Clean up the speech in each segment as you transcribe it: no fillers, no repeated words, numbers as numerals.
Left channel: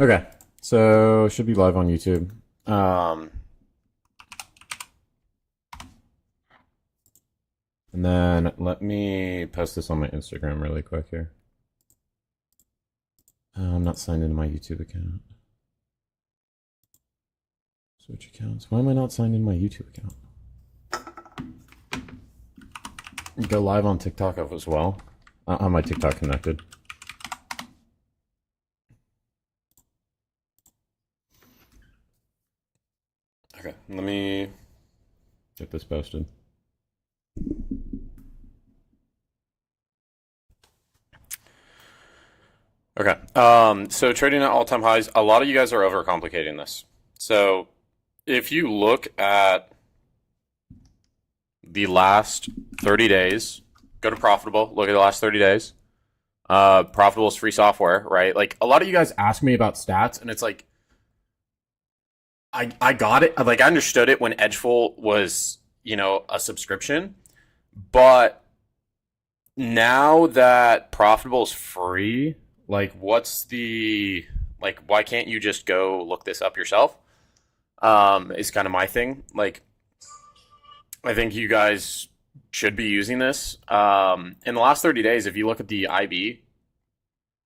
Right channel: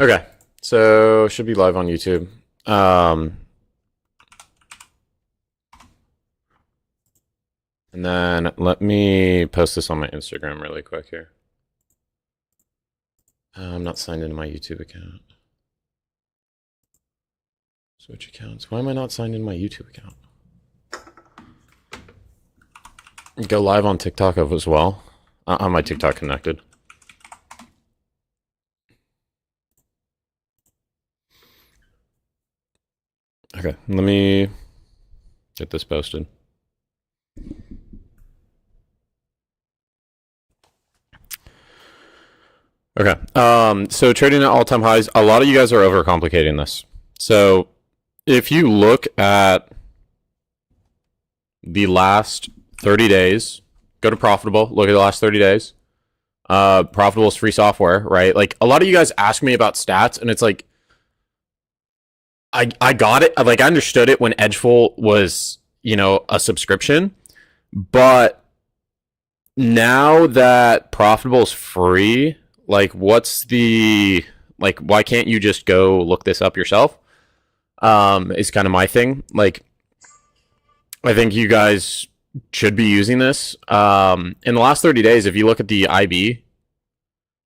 Okay, so should be live on YouTube. Um, and then let me post this on my Instagram really quick here. I'm not signed into my YouTube account. Switch accounts. Why am I not signed into my YouTube account? Go live on TikTok as well. On my TikTok connected. Okay, let me get this posted. Okay. So trading at all-time highs, a lot of you guys are overcomplicating this. So if you look at the last 30 days, go to profitable, look at the last 30 days. Profitable is free software, right? Like a lot of you guys ask me about stats, and it's like I got it. Like I understood it when Edgeful was, a subscription, but now that profitable is free, like why can't you just go look this up yourself? Is kind of my thing. Like I think you guys should be using this. In the last 30 days, if you look at the IB,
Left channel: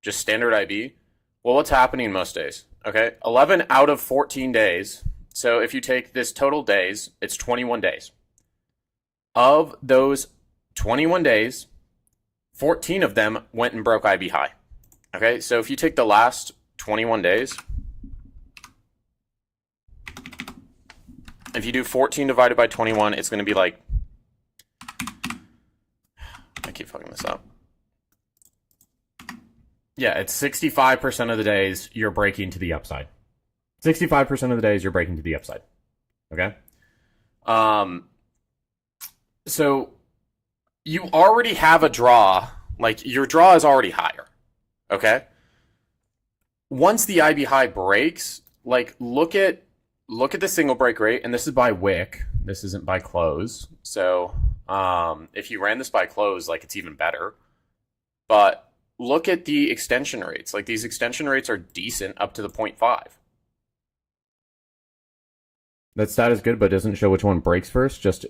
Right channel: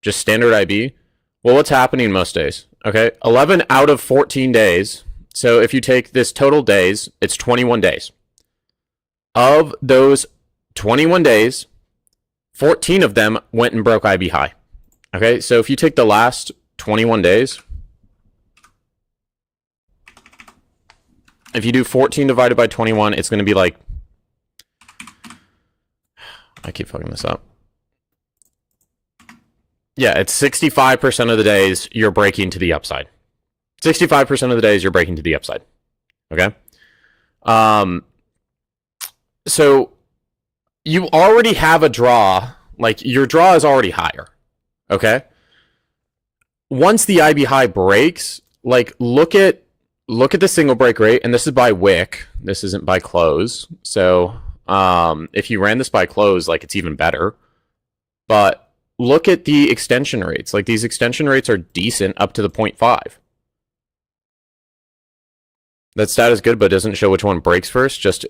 just standard IB, well, what's happening most days? Okay, 11 out of 14 days. So if you take this total days, it's 21 days. Of those 21 days, 14 of them went and broke IB high. Okay, so if you take the last 21 days, if you do 14 divided by 21, it's going to be like, I keep fucking this up. Yeah, it's 65% of the days you're breaking to the upside. 65% of the days you're breaking to the upside. Okay? So you already have a draw. Like your draw is already higher. Okay? Once the IB high breaks, like look at the single break rate, and this is by wick. This isn't by close. So if you ran this by close, like it's even better. But look at the extension rates. Like these extension rates are decent up to the 0.5. That stat is good, but doesn't show which one breaks first. Just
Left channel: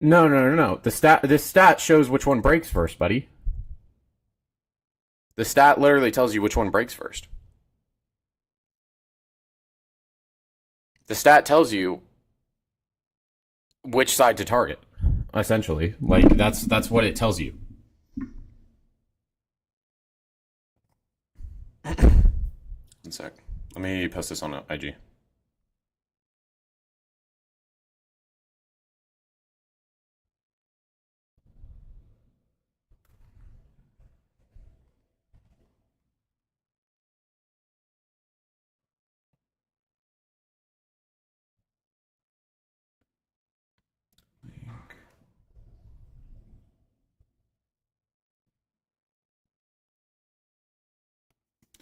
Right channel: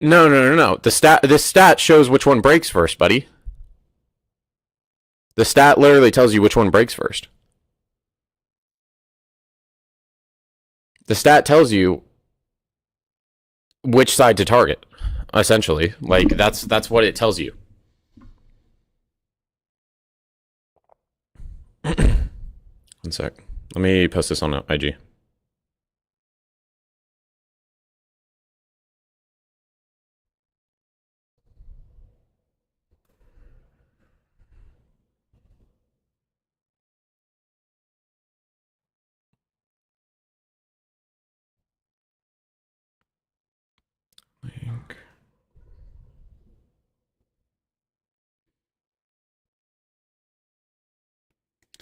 no. This stat shows which one breaks first, buddy. The stat literally tells you which one breaks first. The stat tells you which side to target, essentially. Like that's what it tells you. One sec. Let me post this on IG.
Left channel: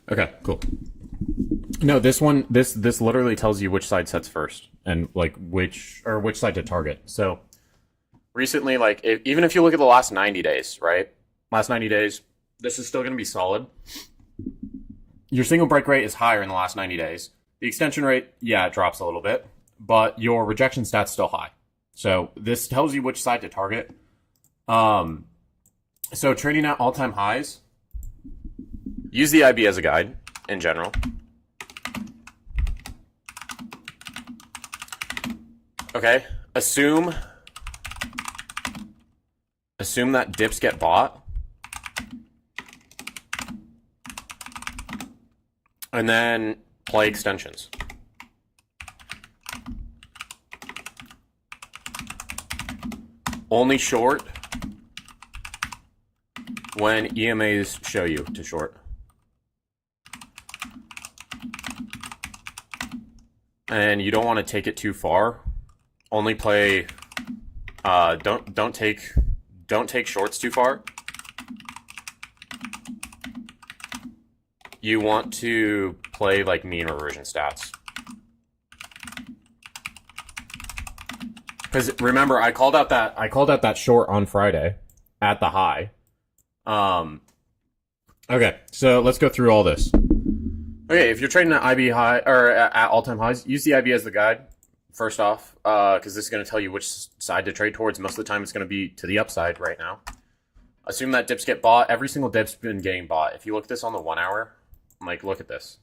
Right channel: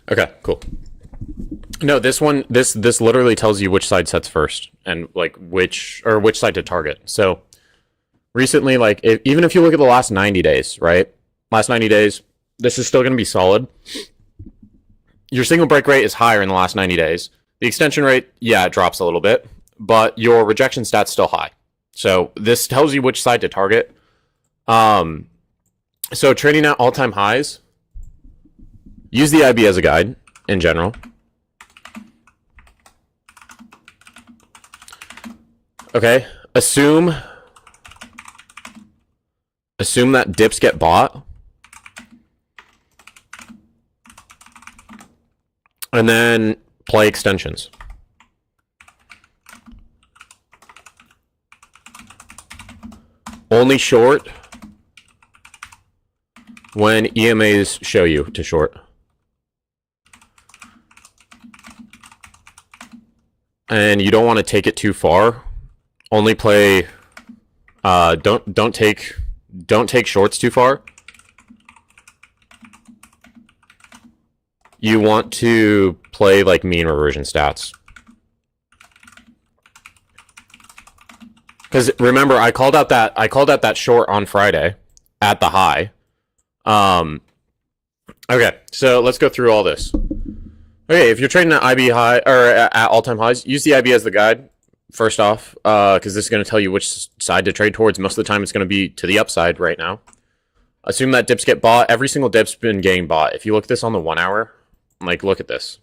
Okay, cool. No, this one, this literally tells you which side sets first and like which side to target. So recently, like even if you look at the last 90 days, right? Last 90 days, this is still going to be solid. Your single break rate is higher in the last 90 days. The extension rate, yeah, it drops a little bit, but your rejection stat's still high. So this tells you which side to target. So trading at all-time highs, use the IB as a guide in general. Okay, assume that dips get bought, and then play extensions. Only short when EMAs show you to short. And you don't want to take it too far. Only play don't take shorts too far. You want to play like mean reversion stats. Because remember, I called out that short on Friday at the high. Okay, so let's go through all this. Okay, if you're trading at IB high or at all-time highs, use the IB as the guide. First off, because this is going to tell you which side to trade towards. Most of the time, it's going to be to the upside right now. Assume that dips get bought. Every single dip's been getting bought. If you look at this on the 1 hour, like look at this.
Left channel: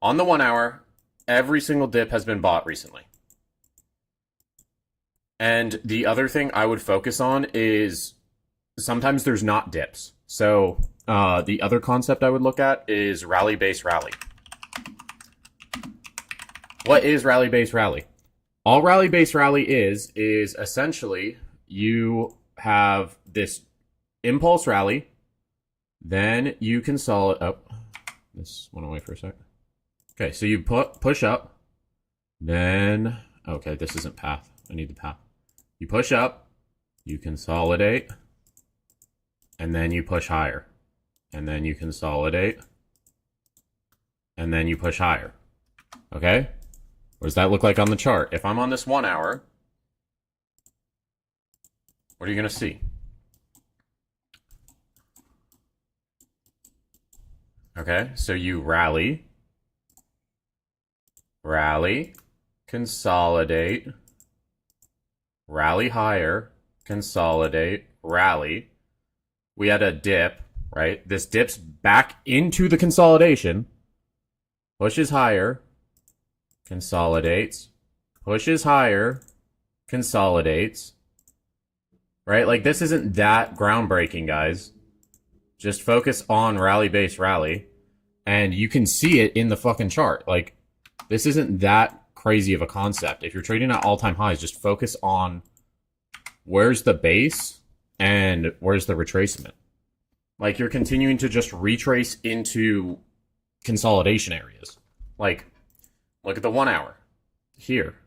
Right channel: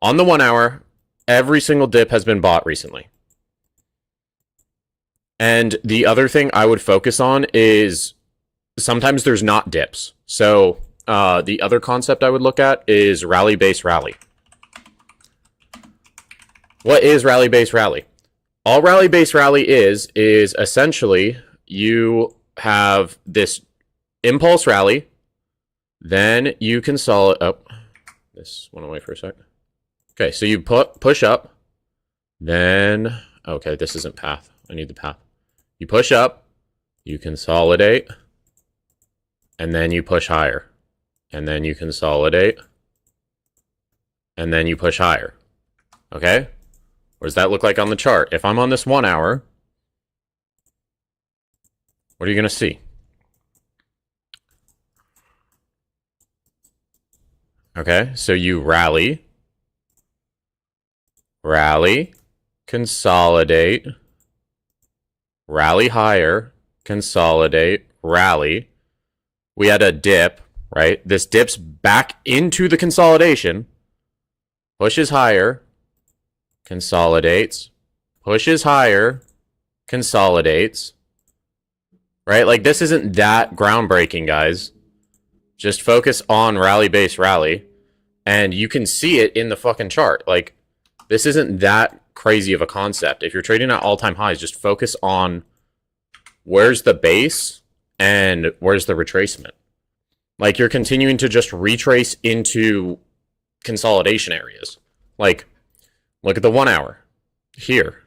On the 1 hour, every single dip has been bought recently. And the other thing I would focus on is sometimes there's not dips. So the other concept I would look at is rally base rally. What is rally base rally? All rally base rally is essentially you have this impulse rally, then you consolidate. Oh, this went away for a second. Okay, so you push up, then okay, this isn't path. I need the path. You push up, you consolidate, and then you push higher, and then you consolidate, and then you push higher. Okay? What does that look like on the chart? If I'm on this 1 hour, what are you going to see? Okay, so you rally, consolidate, rally higher, consolidate, rally. We had a dip, right? This dips back into the consolidation, pushes higher, consolidates, pushes higher, consolidates, right? Like this isn't that groundbreaking, guys. Just focus on rally base rally, and you can see it in the fucking chart. Like this isn't that crazy of a concept. If you're trading at all-time highs, just focus on where's the base and where's the retracement. Like you're continuing to just retrace into consolidation areas. Like look at the 1 hour here.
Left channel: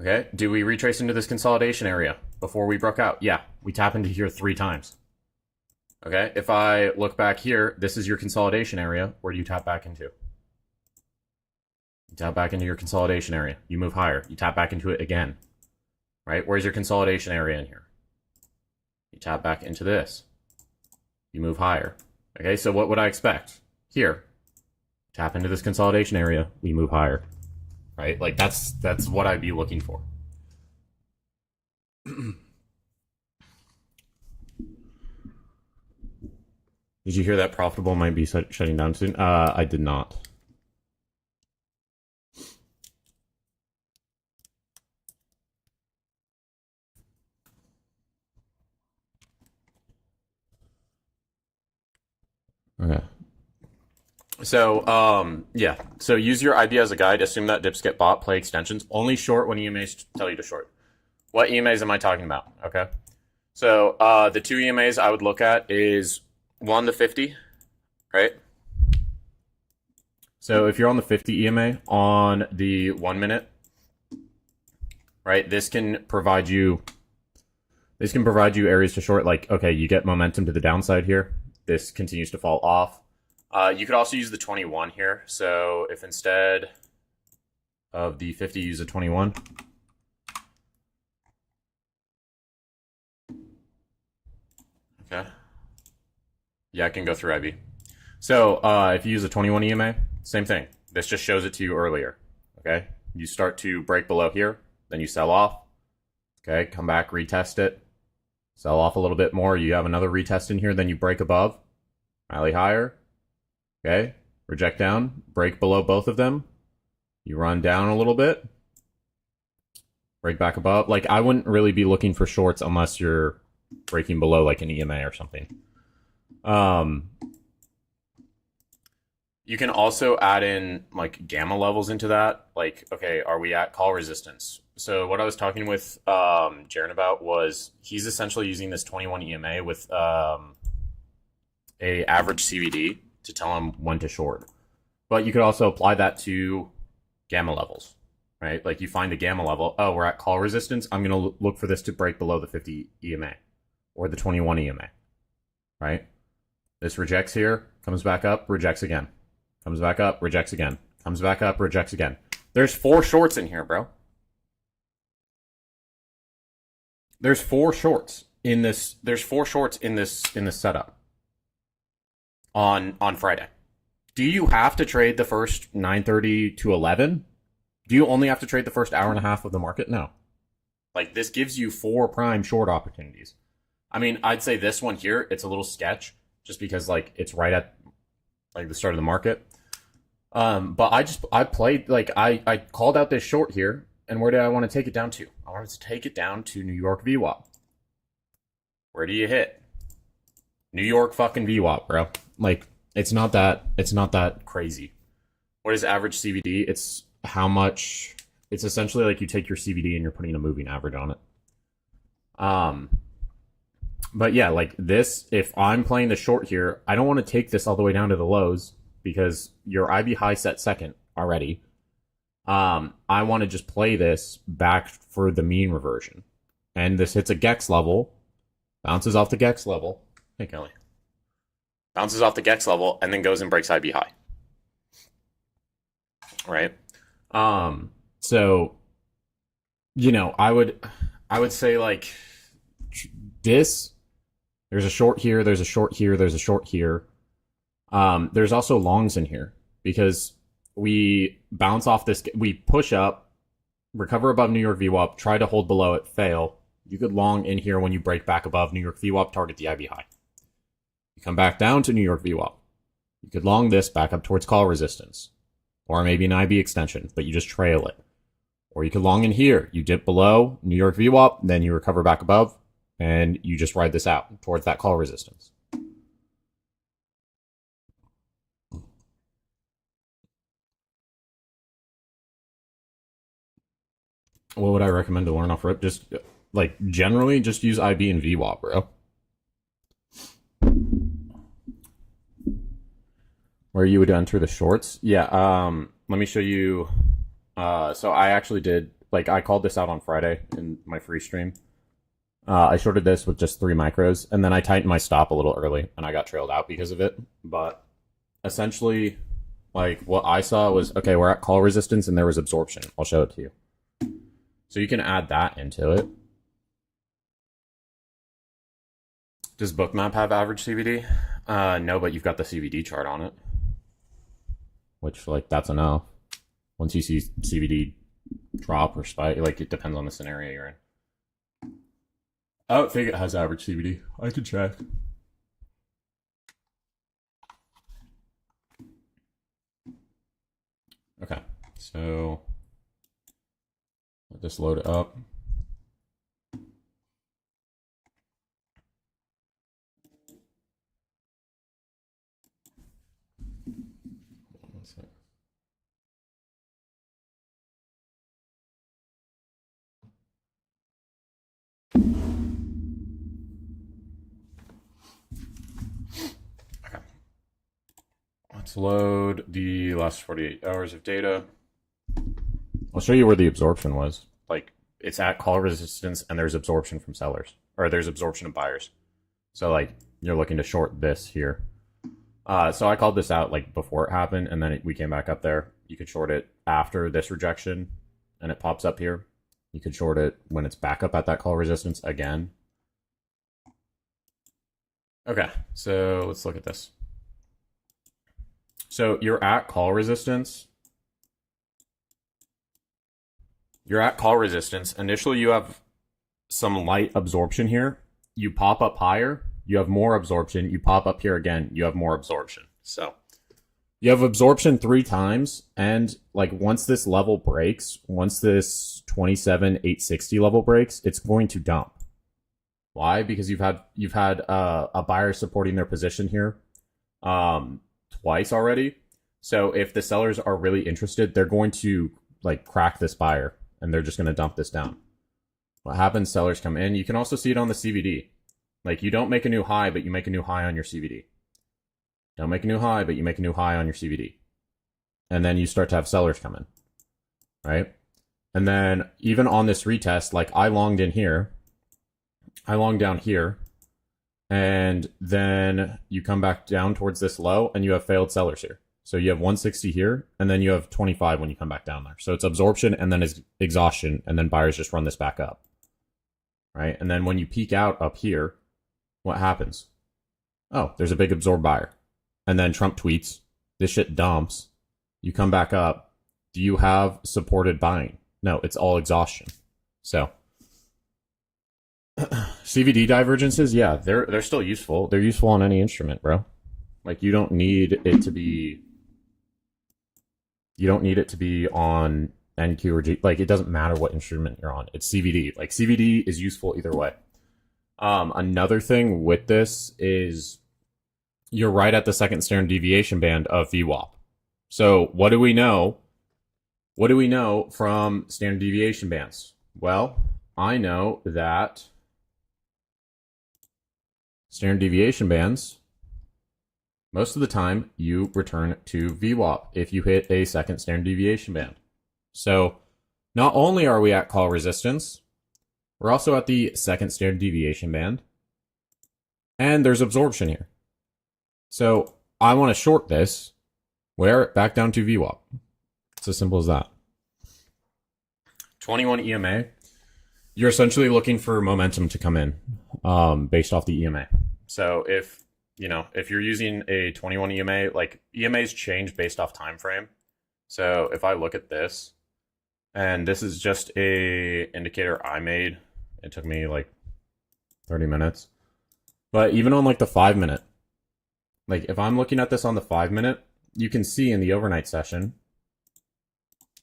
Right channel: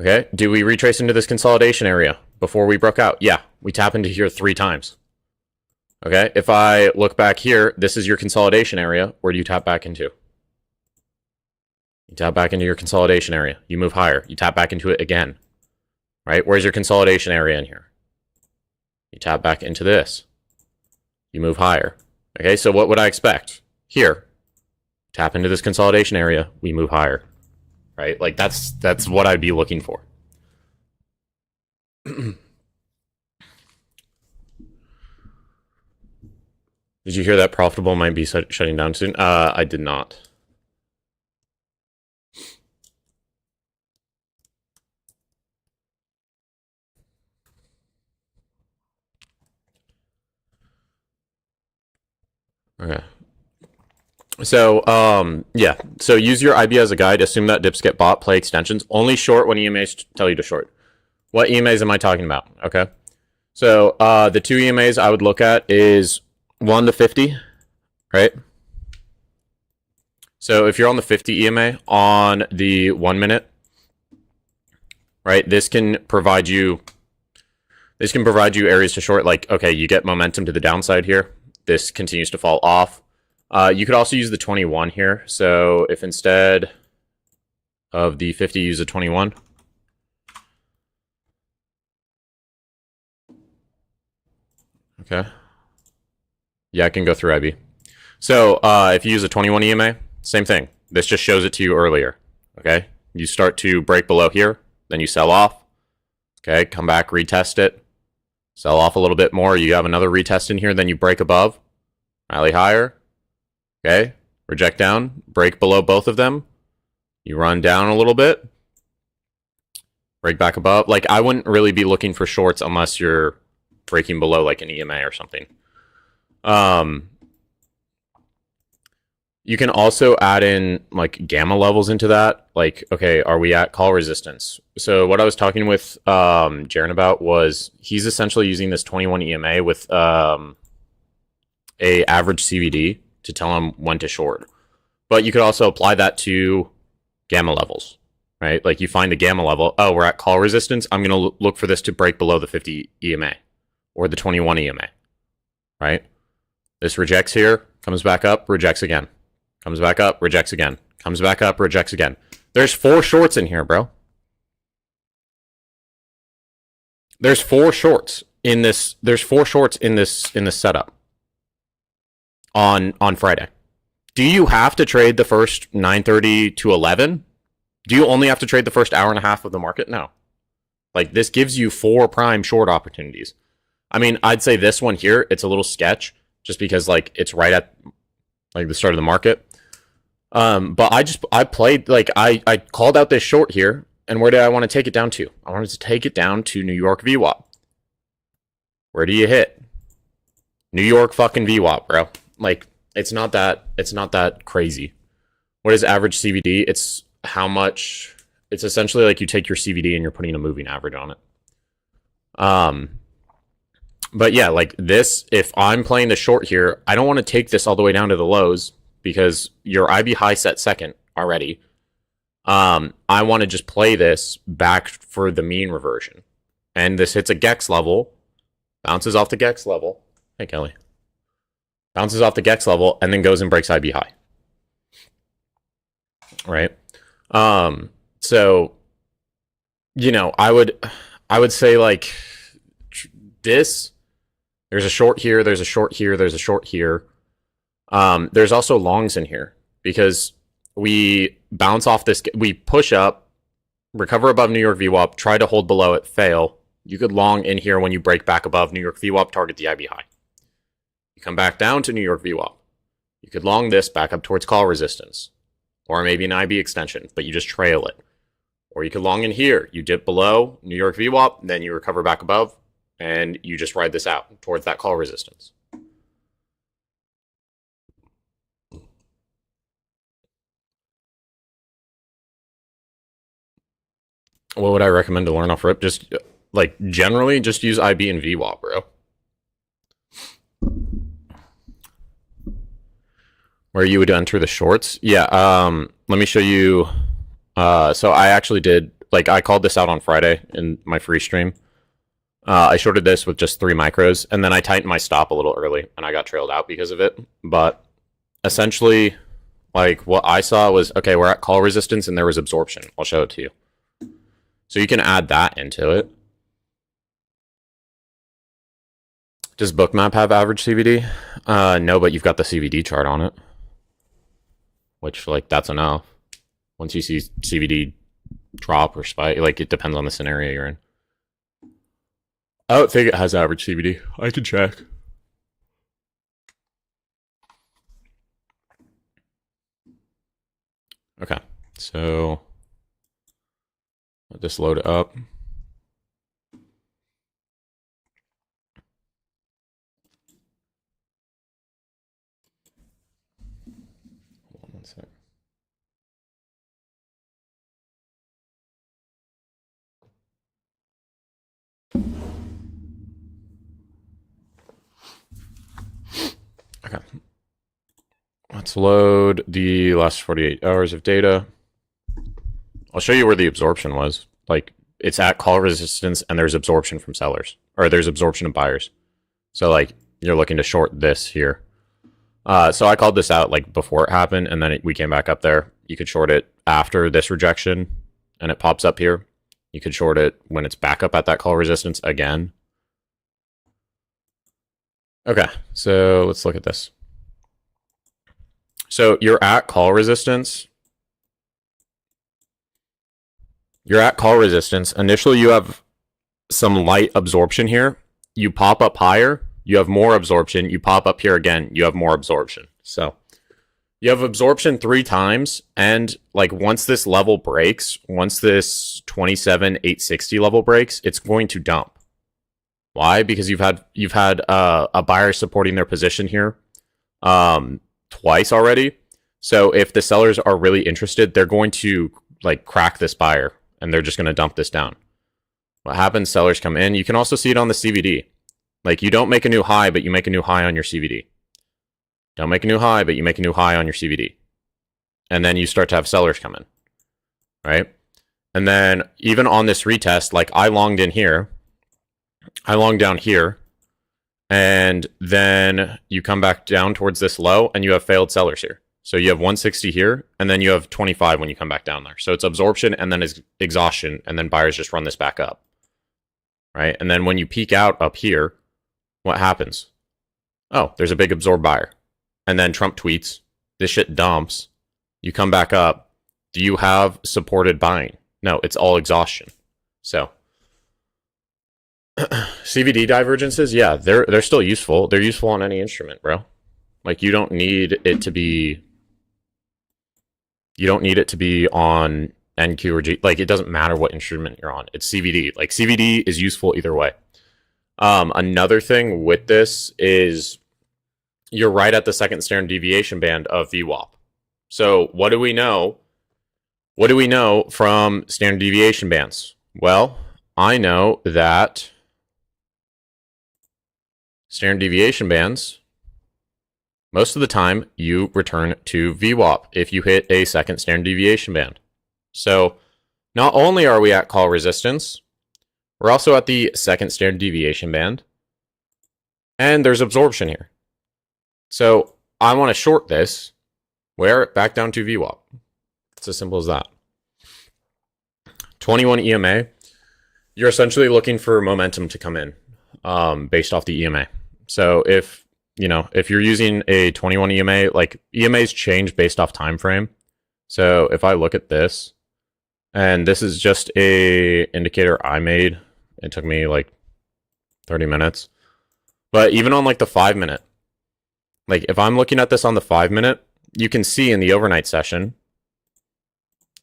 Okay, do we retrace into this consolidation area before we broke out? Yeah, we tap into here 3 times. Okay, if I look back here, this is your consolidation area. Where do you tap back into? You tap back into your consolidation area. You move higher. You tap back into it again. Right? Where's your consolidation area in here? You tap back into this. You move higher. Okay, so what would I expect? Here. Tap into this consolidation area. We move higher. Right? Like that's what I'd be looking for. Did you hear that profitable might be shutting down soon? I did not. Okay. So, yeah. So use your IB as a guide. Assume that dips get bought. Play extensions. Only short when EMAs tell you to short. What EMAs am I talking about? Okay. So, the 2 EMAs I would look at is 1 to 50, right? So if you're on the 50 EMA on the 1 minute, right, this can provide you areas to short. Like, okay, you get momentum to the downside here. This continues to fall off. You could also use the 21 here. So if instead of the 50, use a 21. Okay. Yeah, I can go through IB. So if you use a 21 EMA, same thing. This just shows it to you earlier. Okay. You start to break below here, then you sell off. Okay, come back, retest it. Sell off a little bit more. You have another retest in here, then you break above. Rally higher. Okay, reject down, break below both of them. You run down a little bit. Break back above. Like, I wouldn't really be looking for shorts unless you're breaking below like an EMA or something. You can also add in like gamma levels into that. Like, okay, are we at call resistance? So what I was talking with Jaren about was he's essentially using this 21 EMA with a average CVD to tell him when to short. But you could also apply that to gamma levels, right? Like you find the gamma level. Oh, we're at call resistance. I'm going to look for this to break below the 50 EMA or the 21 EMA, right? This rejects here, comes back up, rejects again. Comes back up, rejects again. Comes back up, rejects again. There's 4 shorts in here, bro. There's 4 shorts in this. There's 4 shorts in this setup. on Friday. Do you have to trade the first 9:30 to 11? Do you only have to trade the first hour and a half of the market? No. Like, this gives you 4 prime short opportunities. I mean, I'd say this one here, it's a little sketch just because like it's right at like the start of the market. But I played like I called out this short here, and where did I want to take it down to? I wanted to take it down to New York VWAP. Where do you hit? New York fucking VWAP, bro. Like, it's not that crazy. What is average CVD? It's how much. It's essentially like you take your CVD and you're putting a moving average on it. But yeah, like this, if I'm playing the short here, I don't want to take this all the way down to the lows because your IB high set second already. I want to just play this back for the mean reversion. And this hits a Gex level, bounces off the Gex level. Hey, Kelly. Bounces off the Gex level and then goes and breaks IB high. Right? So, you know, I would say like this, there's a short here, there's a short here, there's a short here. There's also longs in here because we bounce off this, we push up, recover above New York VWAP, try to hold below it, fail. You could long in here when you break back above New York VWAP, target the IB high. You come back down to New York VWAP. You could long this back up towards call resistance, or maybe an IB extension, but you just trail it. Or you could long in here. You dip below New York VWAP, then you recover back above, and you just ride this out towards that call resistance. What would I recommend to learn off rip? Just like generally, just use IB and VWAP, bro. Where you would enter the shorts? Yeah. Let me show you. So I actually did like I called this out on Friday in my free stream. I shorted this with just 3 micros, and then I tightened my stop a little early, and I got trailed out because of it. But essentially, like what I saw was, okay, we're at call resistance, and there was absorption. I'll show it to you. So you can add that into it. Does Bookmap have average CVD? No, but you've got the CVD chart on it, which like that's enough. Once you see CVD drop or spike, like it depends on the scenario you're in. I don't think it has average CVD. I can check. Okay, so I'll just load it up. One sec. Okay. Let's load the last 48 hours of data. I'll show you where the absorption was. Like, it's at call resistance and there's absorption from sellers. Or there's absorption of buyers. So, like, you're looking to short this here. So I called this out, like, before it happened, and then we came back up there. You could short it after this rejection, and it pops up here. You could short it when it's back up at that call resistance again. Okay, so let's look at this. So you're at call resistance. You're at call resistance. Initially, you have some light absorption here. You pop up higher, you have more absorption. You pop up here again, you have more absorption. So you have absorption 3 times, and like once this level breaks, once this 27,860 level breaks, it's going to dump. Why? Because you've had a buyer supporting their position here twice already. So if the sellers are really interested, they're going to like crack this buyer, and they're just going to dump this down. What happens? Sellers come in. You can also see it on the CVD. Like, you don't make a new high, but you make a new high on your CVD. Don't make a new high, but you make a new high on your CVD. And then you start to have sellers come in, right? And then even on this retest, like I longed in here, I longed down here, and then you come back down towards this low, and you have failed sellers here. So you have 160 here, and then you have 25 when you come back down there. So it's absorption, and then it's exhaustion, and then buyers just run this back up, right? And then when you peak out up here, what happens? Oh, there's a big absorb buyer. and then Trump tweets, this shit dumps. You come back up. Do you have supported buying? No, it's all exhaustion. So CVD divergences, yeah, they're still useful. They're useful on any instrument, bro. Like you don't need it to be on NQ or G. Like it doesn't matter what instrument you're on. It's CVD. Like CVD is useful either way. Another thing with this is you're right at the second standard deviation band of VWAP. So what do we know? What do we know from standard deviation bands? Well, I know that standard deviation bands, most of the time you return to VWAP if you hit a second standard deviation band. So not only are we at call resistance, we're also at the second standard deviation band, and there's absorption here. So I want to short this, wear it back down to VWAP. It's as simple as that. 21 EMA, you're essentially looking for momentum to come in based off the EMA. So if you're using a 21 EMA, like EMAs change based off time frame. So if I look at this, and this is just a indicator I made, it took me like 30 minutes. But even on like the 5 minute, like if I'm looking at this on the 5 minute, you can see in the overnight session,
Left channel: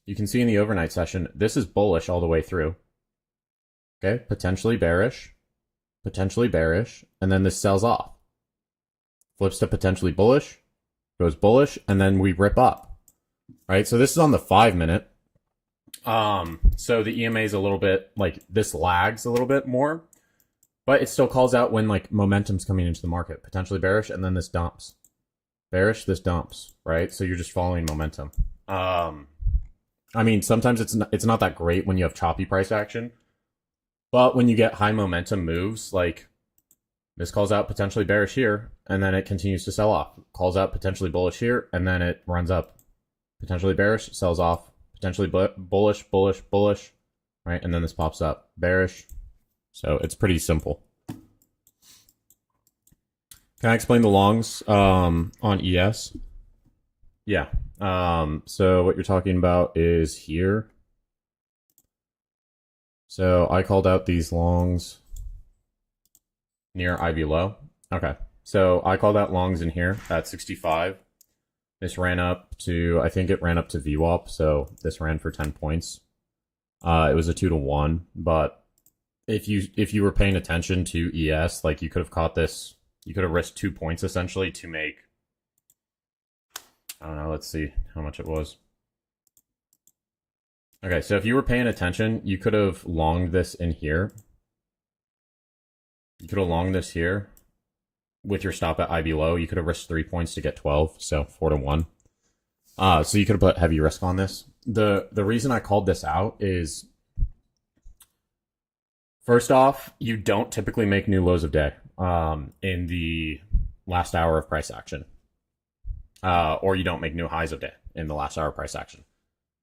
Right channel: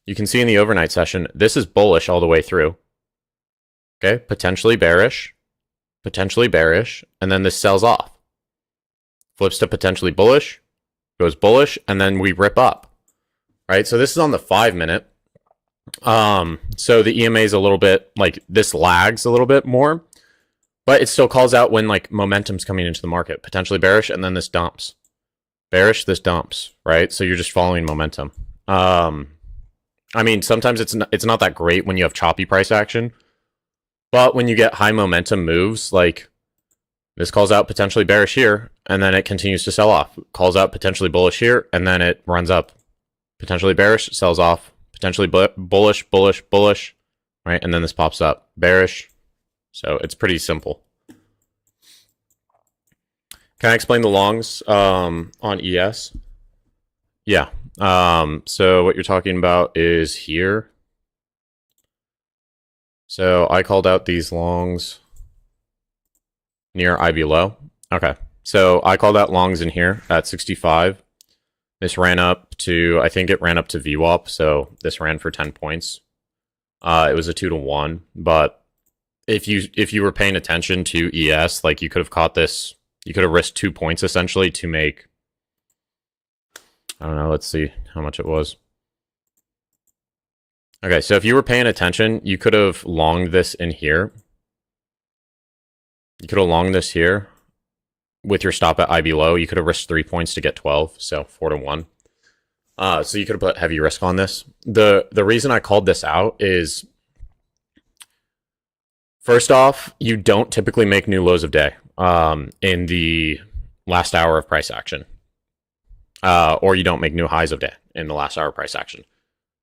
this is bullish all the way through. Okay, potentially bearish, and then this sells off. Flips to potentially bullish, goes bullish, and then we rip up. Right, so this is on the 5 minute. So the EMA is a little bit, like this lags a little bit more, but it still calls out when like momentum's coming into the market, potentially bearish, and then this dumps. Bearish, this dumps, right? So you're just following momentum. I mean, sometimes it's not that great when you have choppy price action, but when you get high momentum moves, like this calls out potentially bearish here, and then it continues to sell off. Calls out potentially bullish here, and then it runs up. Potentially bearish, sells off. Potentially bullish, right? And then this pops up, bearish. So it's pretty simple. Can I explain the longs on ES? Yeah. So what you're talking about is here. So I called out these longs near IB low. Okay. So I called out longs in here at 65. This ran up to, I think it ran up to VWAP, so this ran for 10 points. It was a 2-to-1, but if you were paying attention to ES, like you could have caught this, you could have risked 2 points essentially to make, I don't know, let's see how much it was. Okay, so if you were paying attention, you could have longed this in here. You could have longed this here. With your stop at IB low, you could have risked 3 points to get 12, so 4-to-1. So you could have put heavy risk on this. The reason I called this out is, first off, you don't typically make new lows of day in the last hour of price action. Or you don't make new highs of day in the last hour of price action.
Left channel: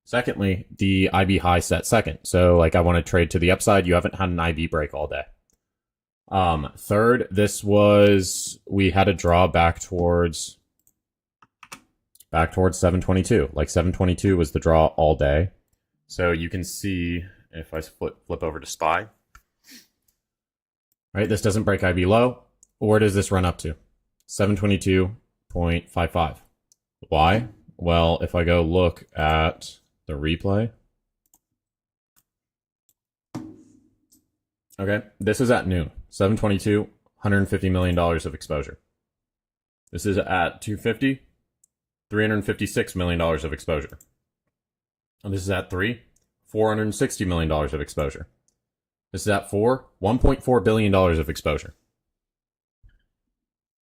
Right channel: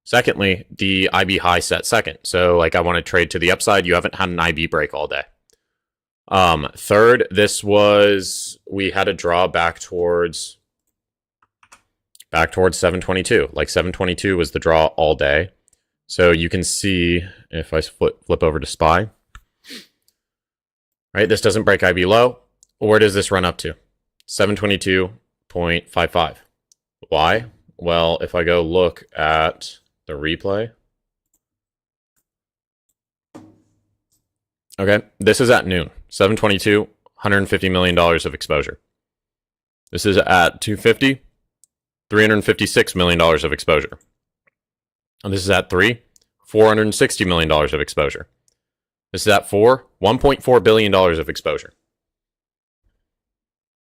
Secondly, the IB high set second. So like I want to trade to the upside, you haven't had an IB break all day. Third, we had a draw back towards 722. Like 722 was the draw all day. So you can see if I flip over to SPY, right? This doesn't break IB low. Where does this run up to? 722.55. Why? Well, if I go look at the replay. Okay, this is at noon. 722, $150 million of exposure. This is at 250, $356 million of exposure. And this is at 3, $460 million of exposure. This is at 4, $1.4 billion of exposure.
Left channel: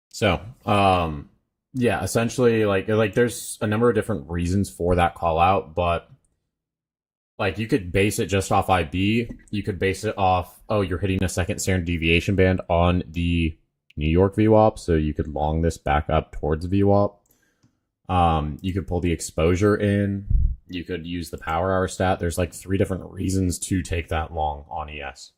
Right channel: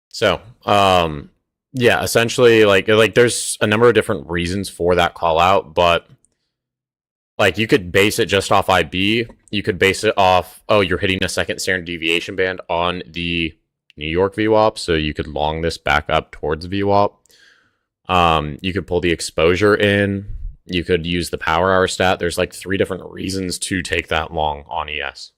So, yeah, essentially, like there's a number of different reasons for that call out, but like you could base it just off IB. You could base it off, oh, you're hitting a second standard deviation band on the New York VWAP, so you could long this back up towards VWAP. You could pull the exposure in. You could use the power hour stat. There's like 3 different reasons to take that long on ES.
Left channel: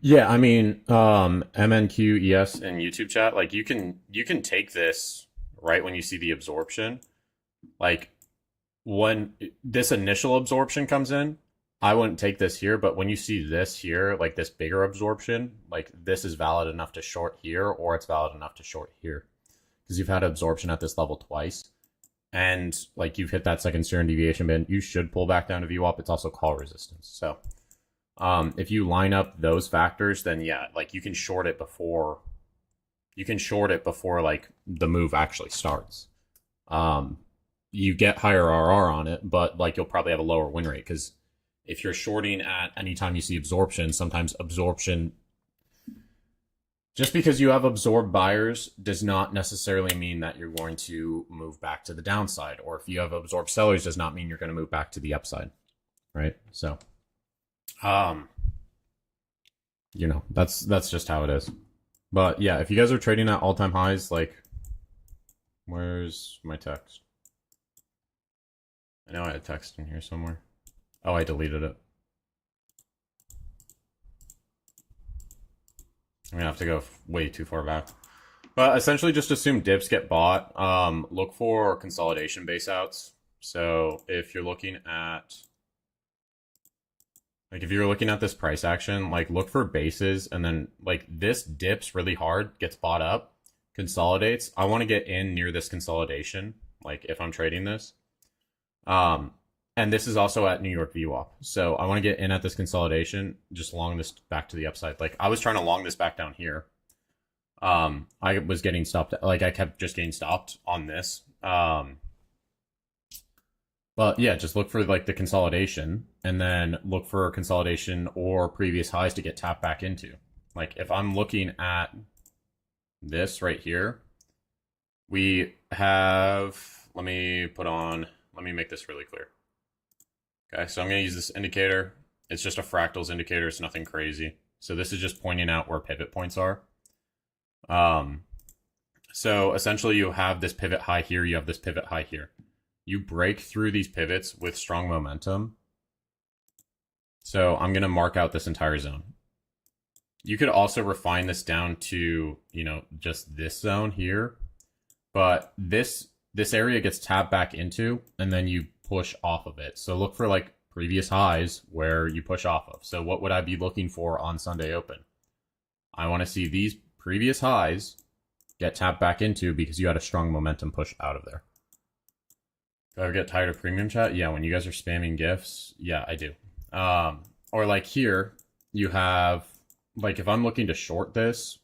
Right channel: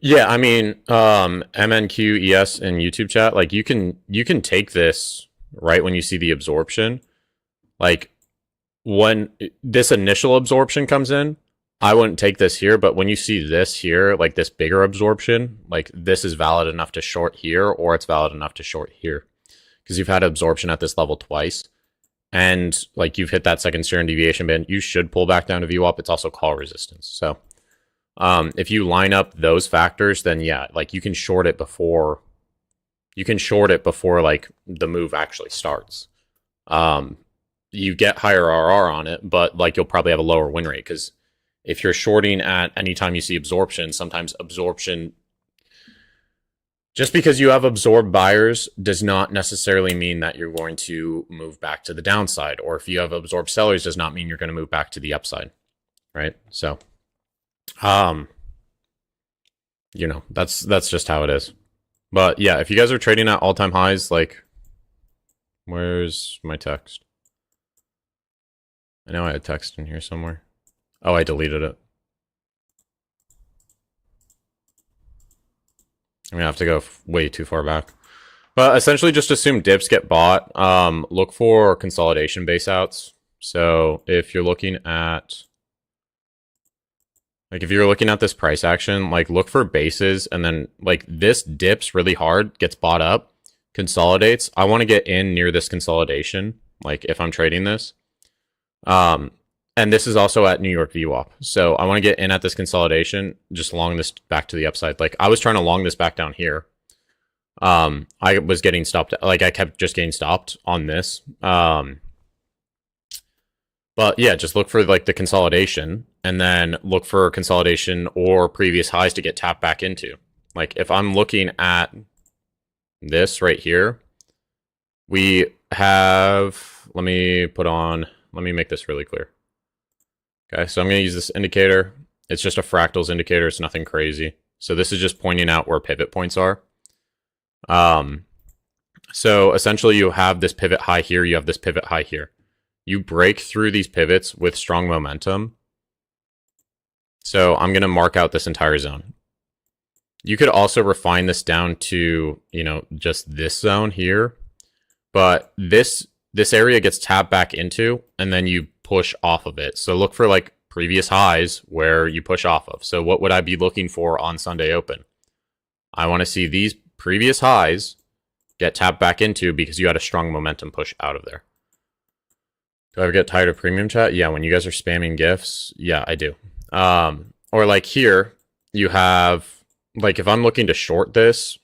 Yeah, I mean, MNQES in YouTube chat, like you can take this right when you see the absorption. Like when this initial absorption comes in, I wouldn't take this here, but when you see this here, like this bigger absorption, like this is valid enough to short here, or it's valid enough to short here. Because you've had absorption at this level twice. And like you've hit that second standard deviation band, you should pull back down to VWAP. It's also call resistance. So if you line up those factors, then yeah, like you can short it before like the move actually starts. You get higher RR on it, but like you'll probably have a lower win rate because if you're shorting at any time you see absorption, sometimes absorption, just because you have absorbed buyers does not necessarily mean that you're going to move back to the downside, or if you have absorbed sellers does not mean you're going to move back to the upside, right? So um that's just how it is. But yeah, if you guys are trading at all-time highs, like where's my text? I know I had text in here somewhere. Oh, I deleted it. I'm gonna have to go way too far back. But essentially just assume dips get bought. Look for consolidation base outs. So if you're looking at this price action, like look for bases, and then like this dips really hard, gets bought up, consolidates. I want to get in near this consolidation, like if I'm trading this. And this is also at New York VWAP. So I want to get in at this consolidation, just long this back to the upside. Like I was trying to long this back down here. I was getting stopped. Like I kept just getting stopped on this. But yeah, just look for like the consolidation and then look for consolidation or previous highs to get tapped back into. Like if I'm looking at this right here, we have, let me make this really clear. Okay, so I'm going to use this indicator. It's just a fractals indicator. It's nothing crazy. So this is just pointing out where pivot points are. So essentially you have this pivot high here. You have this pivot high here. You break through these pivots with strong momentum. So I'm going to mark out this entire zone. You could also refine this down to, just this zone here. But this area gets tapped back into, and then you push off of it. So look for like previous highs where you push off of. So what would I be looking for on Sunday open? I want to see these previous highs get tapped back into because you had a strong momentum push out of there. Do I ever get tired of premium chat? Yeah, when you guys are spamming GIFs, yeah, I do. Or like here, you have, like if I'm looking to short this,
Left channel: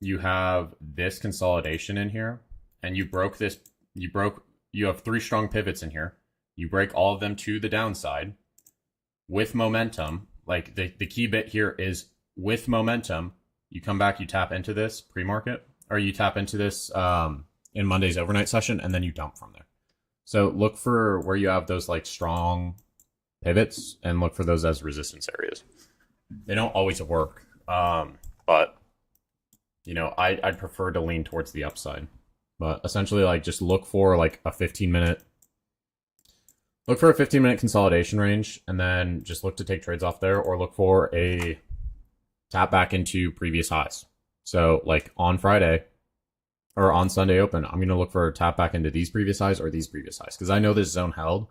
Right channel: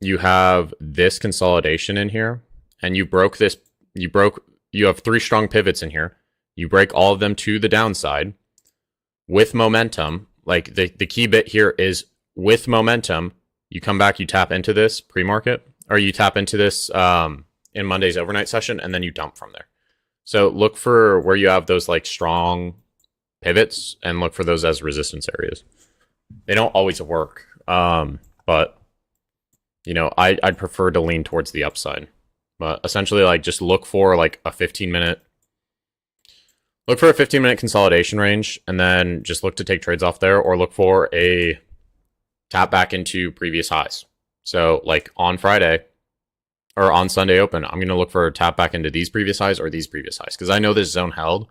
you have this consolidation in here, and you broke this, you have 3 strong pivots in here. You break all of them to the downside with momentum. Like the key bit here is with momentum, you come back, you tap into this pre-market, or you tap into this in Monday's overnight session, and then you dump from there. So look for where you have those like strong pivots and look for those as resistance areas. They don't always work, but I'd prefer to lean towards the upside. But essentially, like just look for like a 15-minute consolidation range, and then just look to take trades off there, or look for a tap back into previous highs. So like on Friday or on Sunday open, I'm going to look for a tap back into these previous highs or these previous highs, because I know this zone held.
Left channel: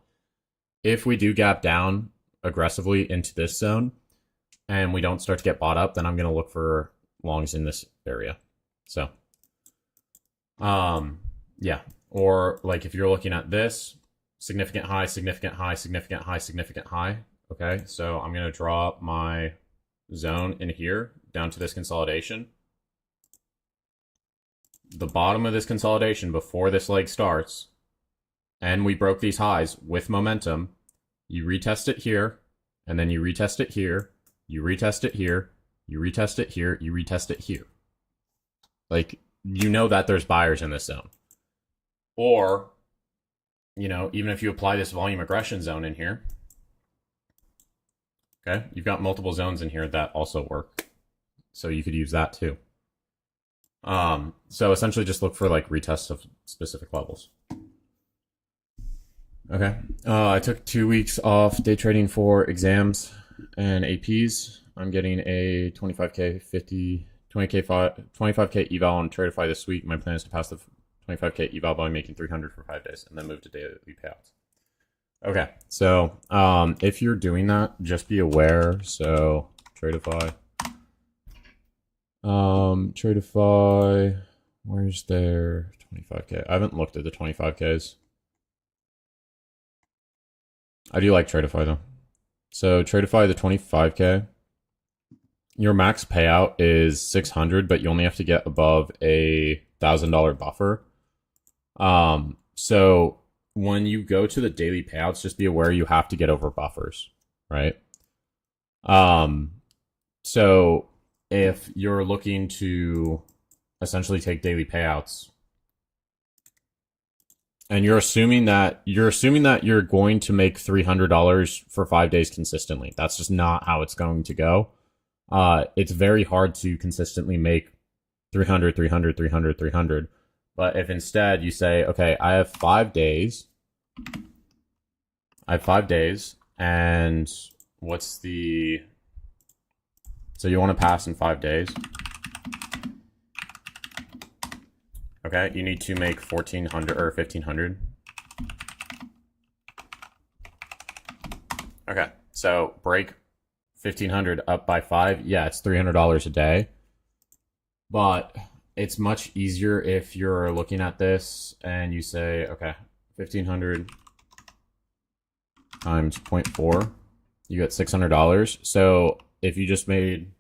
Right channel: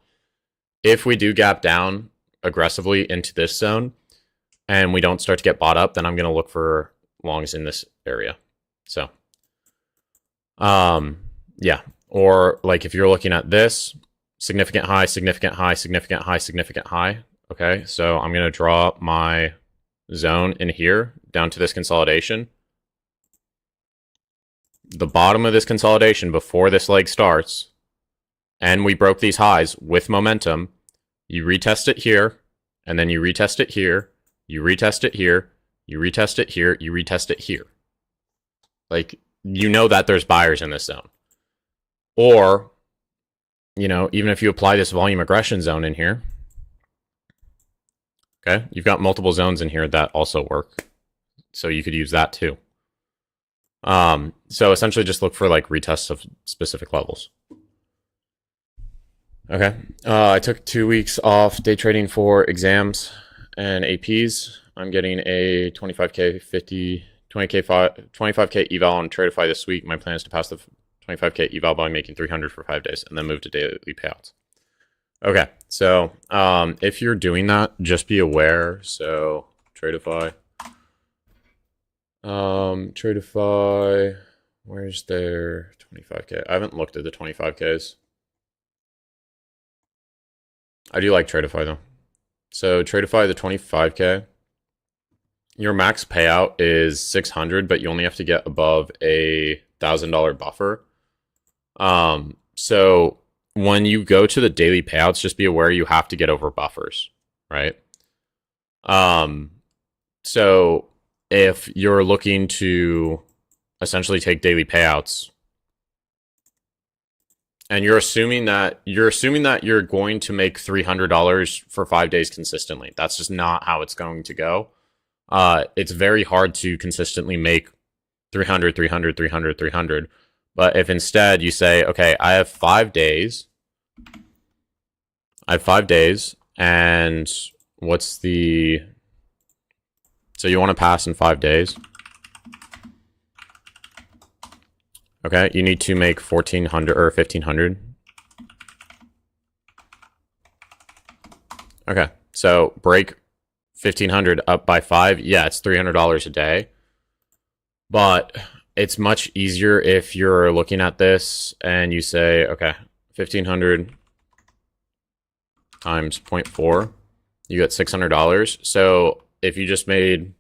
If we do gap down aggressively into this zone and we don't start to get bought up, then I'm going to look for longs in this area. So yeah, or like if you're looking at this significant high, significant high, significant high, significant high. Okay, so I'm going to draw my zone in here down to this consolidation. The bottom of this consolidation before this leg starts, and we broke these highs with momentum, you retest it here, and then you retest it here, you retest it here, you retest it here, you retest it here. Like, that there's buyers in this zone. Or, even if you apply this volume aggression zone in here, okay, you've got multiple zones in here that also work. So you could use that too. So essentially just look for like retests of specific levels. Okay. I took 2 weeks off day trading for exams and APs. I'm getting a 25k, 50, 20k, 25k eval on Tradeify this week. My plan is to pass the 25k eval by making 300 for 5 days and then move to daily payouts. Okay, so if you're doing that, just be aware. So Tradeify, Tradeify, where's their 25k? I haven't looked at the 25ks. I do like Tradeify though. So Tradeify the 25k. Your max payout is 600, but you only have to get above a $1,000 buffer. So when you go to the daily payouts, just be aware you have to get over buffers, right? So if you're looking to essentially take daily payouts, and you're assuming that you're going to make $300 for 5 days consistently. That's just not how it's going to go. It's very hard to consistently make 300, 300, 300, 300. But if instead you say, okay, I have 5 days, and what's the, so you want to pass in 5 days. Okay, you need to make 1,400 or 1,500. Okay, so break 1,500 up by 5. Yeah, it's $300 a day. But it's much easier if you're looking at this and you say, okay, 1,500 times 0.4, you get $600. So if you just made,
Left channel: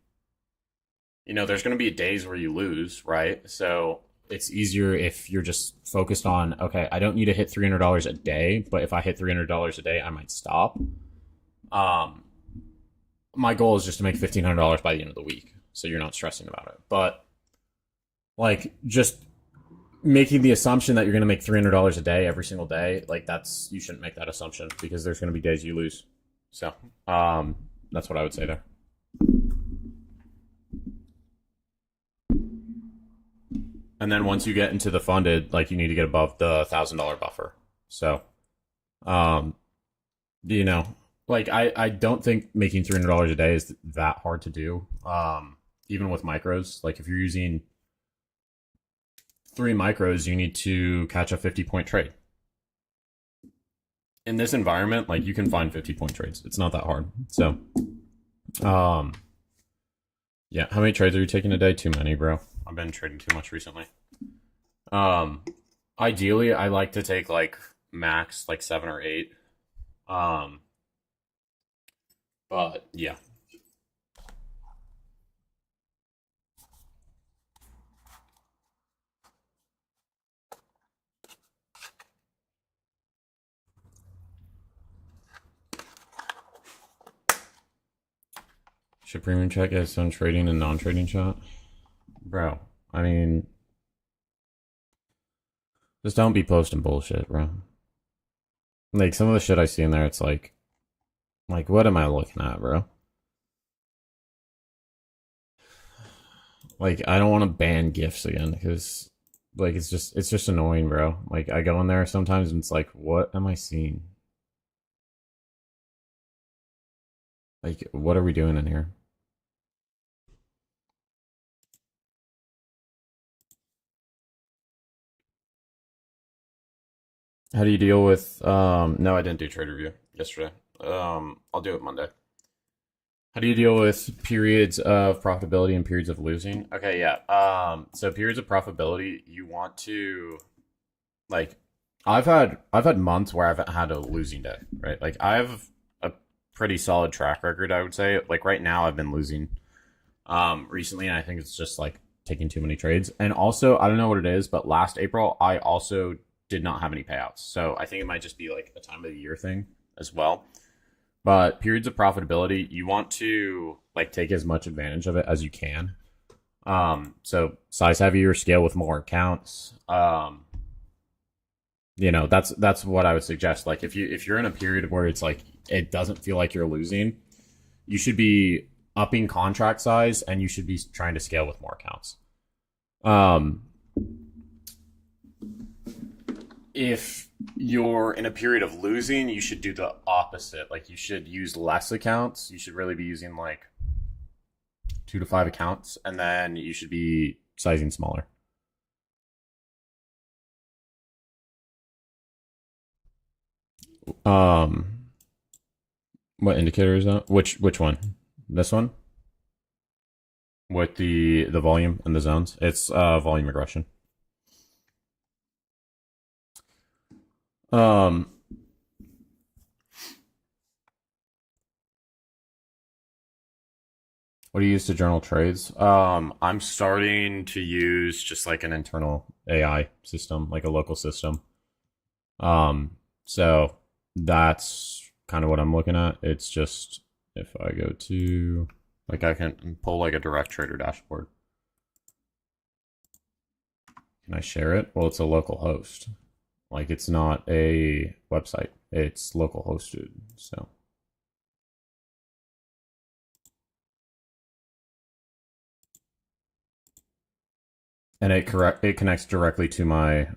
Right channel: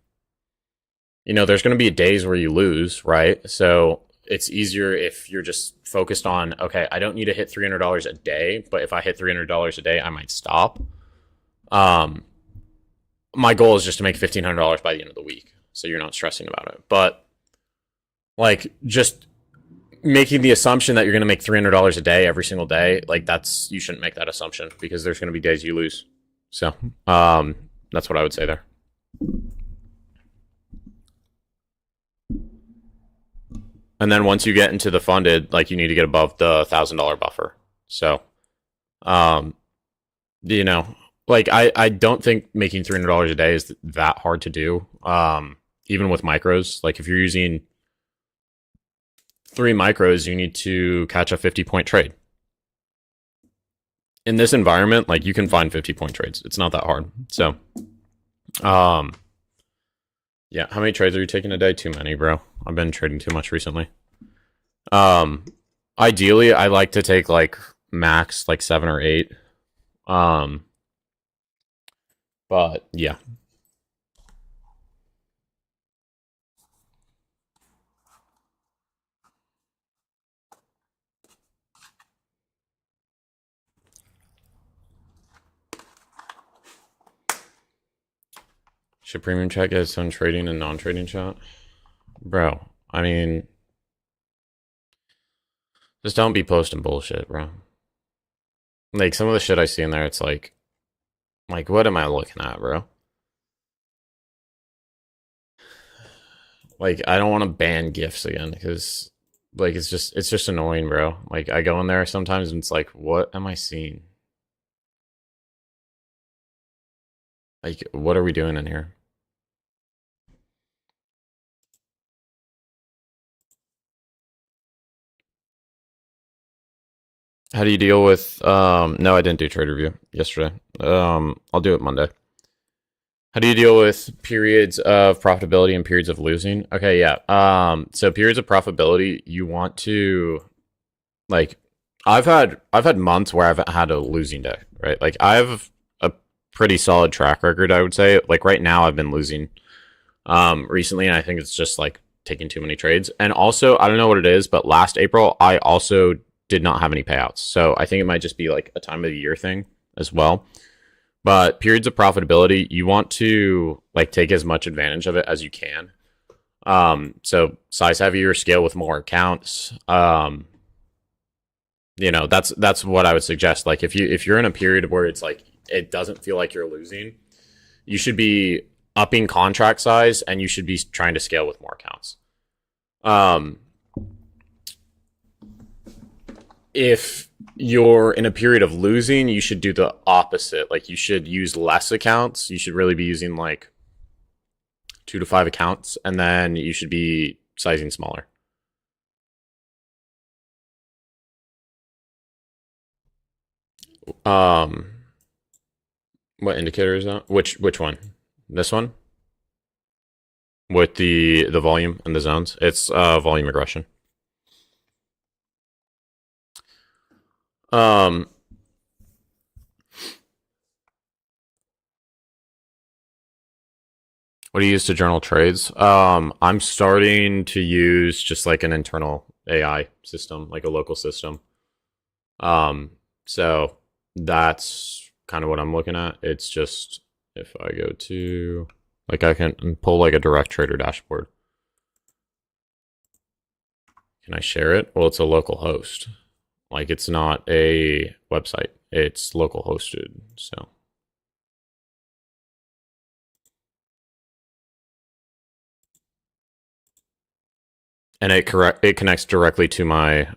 there's going to be days where you lose, right? So it's easier if you're just focused on, okay, I don't need to hit $300 a day, but if I hit $300 a day, I might stop. My goal is just to make $1,500 by the end of the week, so you're not stressing about it. But like, just making the assumption that you're going to make $300 a day every single day, like you shouldn't make that assumption, because there's going to be days you lose. So that's what I would say there. And then once you get into the funded, like, you need to get above the $1,000 buffer. So, like, I don't think making $300 a day is that hard to do. Even with micros, like, if you're using 3 micros, you need to catch a 50-point trade. In this environment, like, you can find 50-point trades. It's not that hard. So, yeah. How many trades are you taking a day? Too many, bro. I've been trading too much recently. Ideally, I like to take, like, max, like, 7 or 8. But yeah. Should premium chat get its own trading and non-trading chat? Bro, I mean, just don't be posting bullshit, bro. Like, some of the shit I see in there, it's like, what am I looking at, bro? Like, I don't want to ban gifts again, because, like, it's just annoying, bro. Like, I go in there sometimes and it's like, what am I seeing? Like, what are we doing in here? How do you deal with no, I didn't do trade review yesterday. I'll do it Monday. How do you deal with periods of profitability and periods of losing? Okay, yeah. So periods of profitability, you want to, like, I've had months where I've had a losing day, right? Like, I have a pretty solid track record, I would say. Like, right now I've been losing recently, and I think it's just, like, taking too many trades. And also, I don't know what it is, but last April I also did not have any payouts. So I think it might just be, like, a time of the year thing as well. But periods of profitability, you want to, like, take as much advantage of it as you can. So size heavier, scale with more accounts. That's what I would suggest. Like, if you're in a period where it's like it doesn't feel like you're losing, you should be upping contract size, and you should be trying to scale with more accounts. If you're in a period of losing, you should do the opposite. Like, you should use less accounts. You should really be using, like, 2 to 5 accounts, and then you should be sizing smaller. Um, what indicator is that? Which one? This one with the volume and the zones. It's volume regression. Um, what do you use to journal trades? I'm starting to use just like an internal AI system, like a local system. So that's kind of what I'm looking at. It's just if I go to like I can pull like a direct trader dashboard. Can I share it? Well, it's a local host. Like it's not a website. It's local hosted. So and it connects directly to my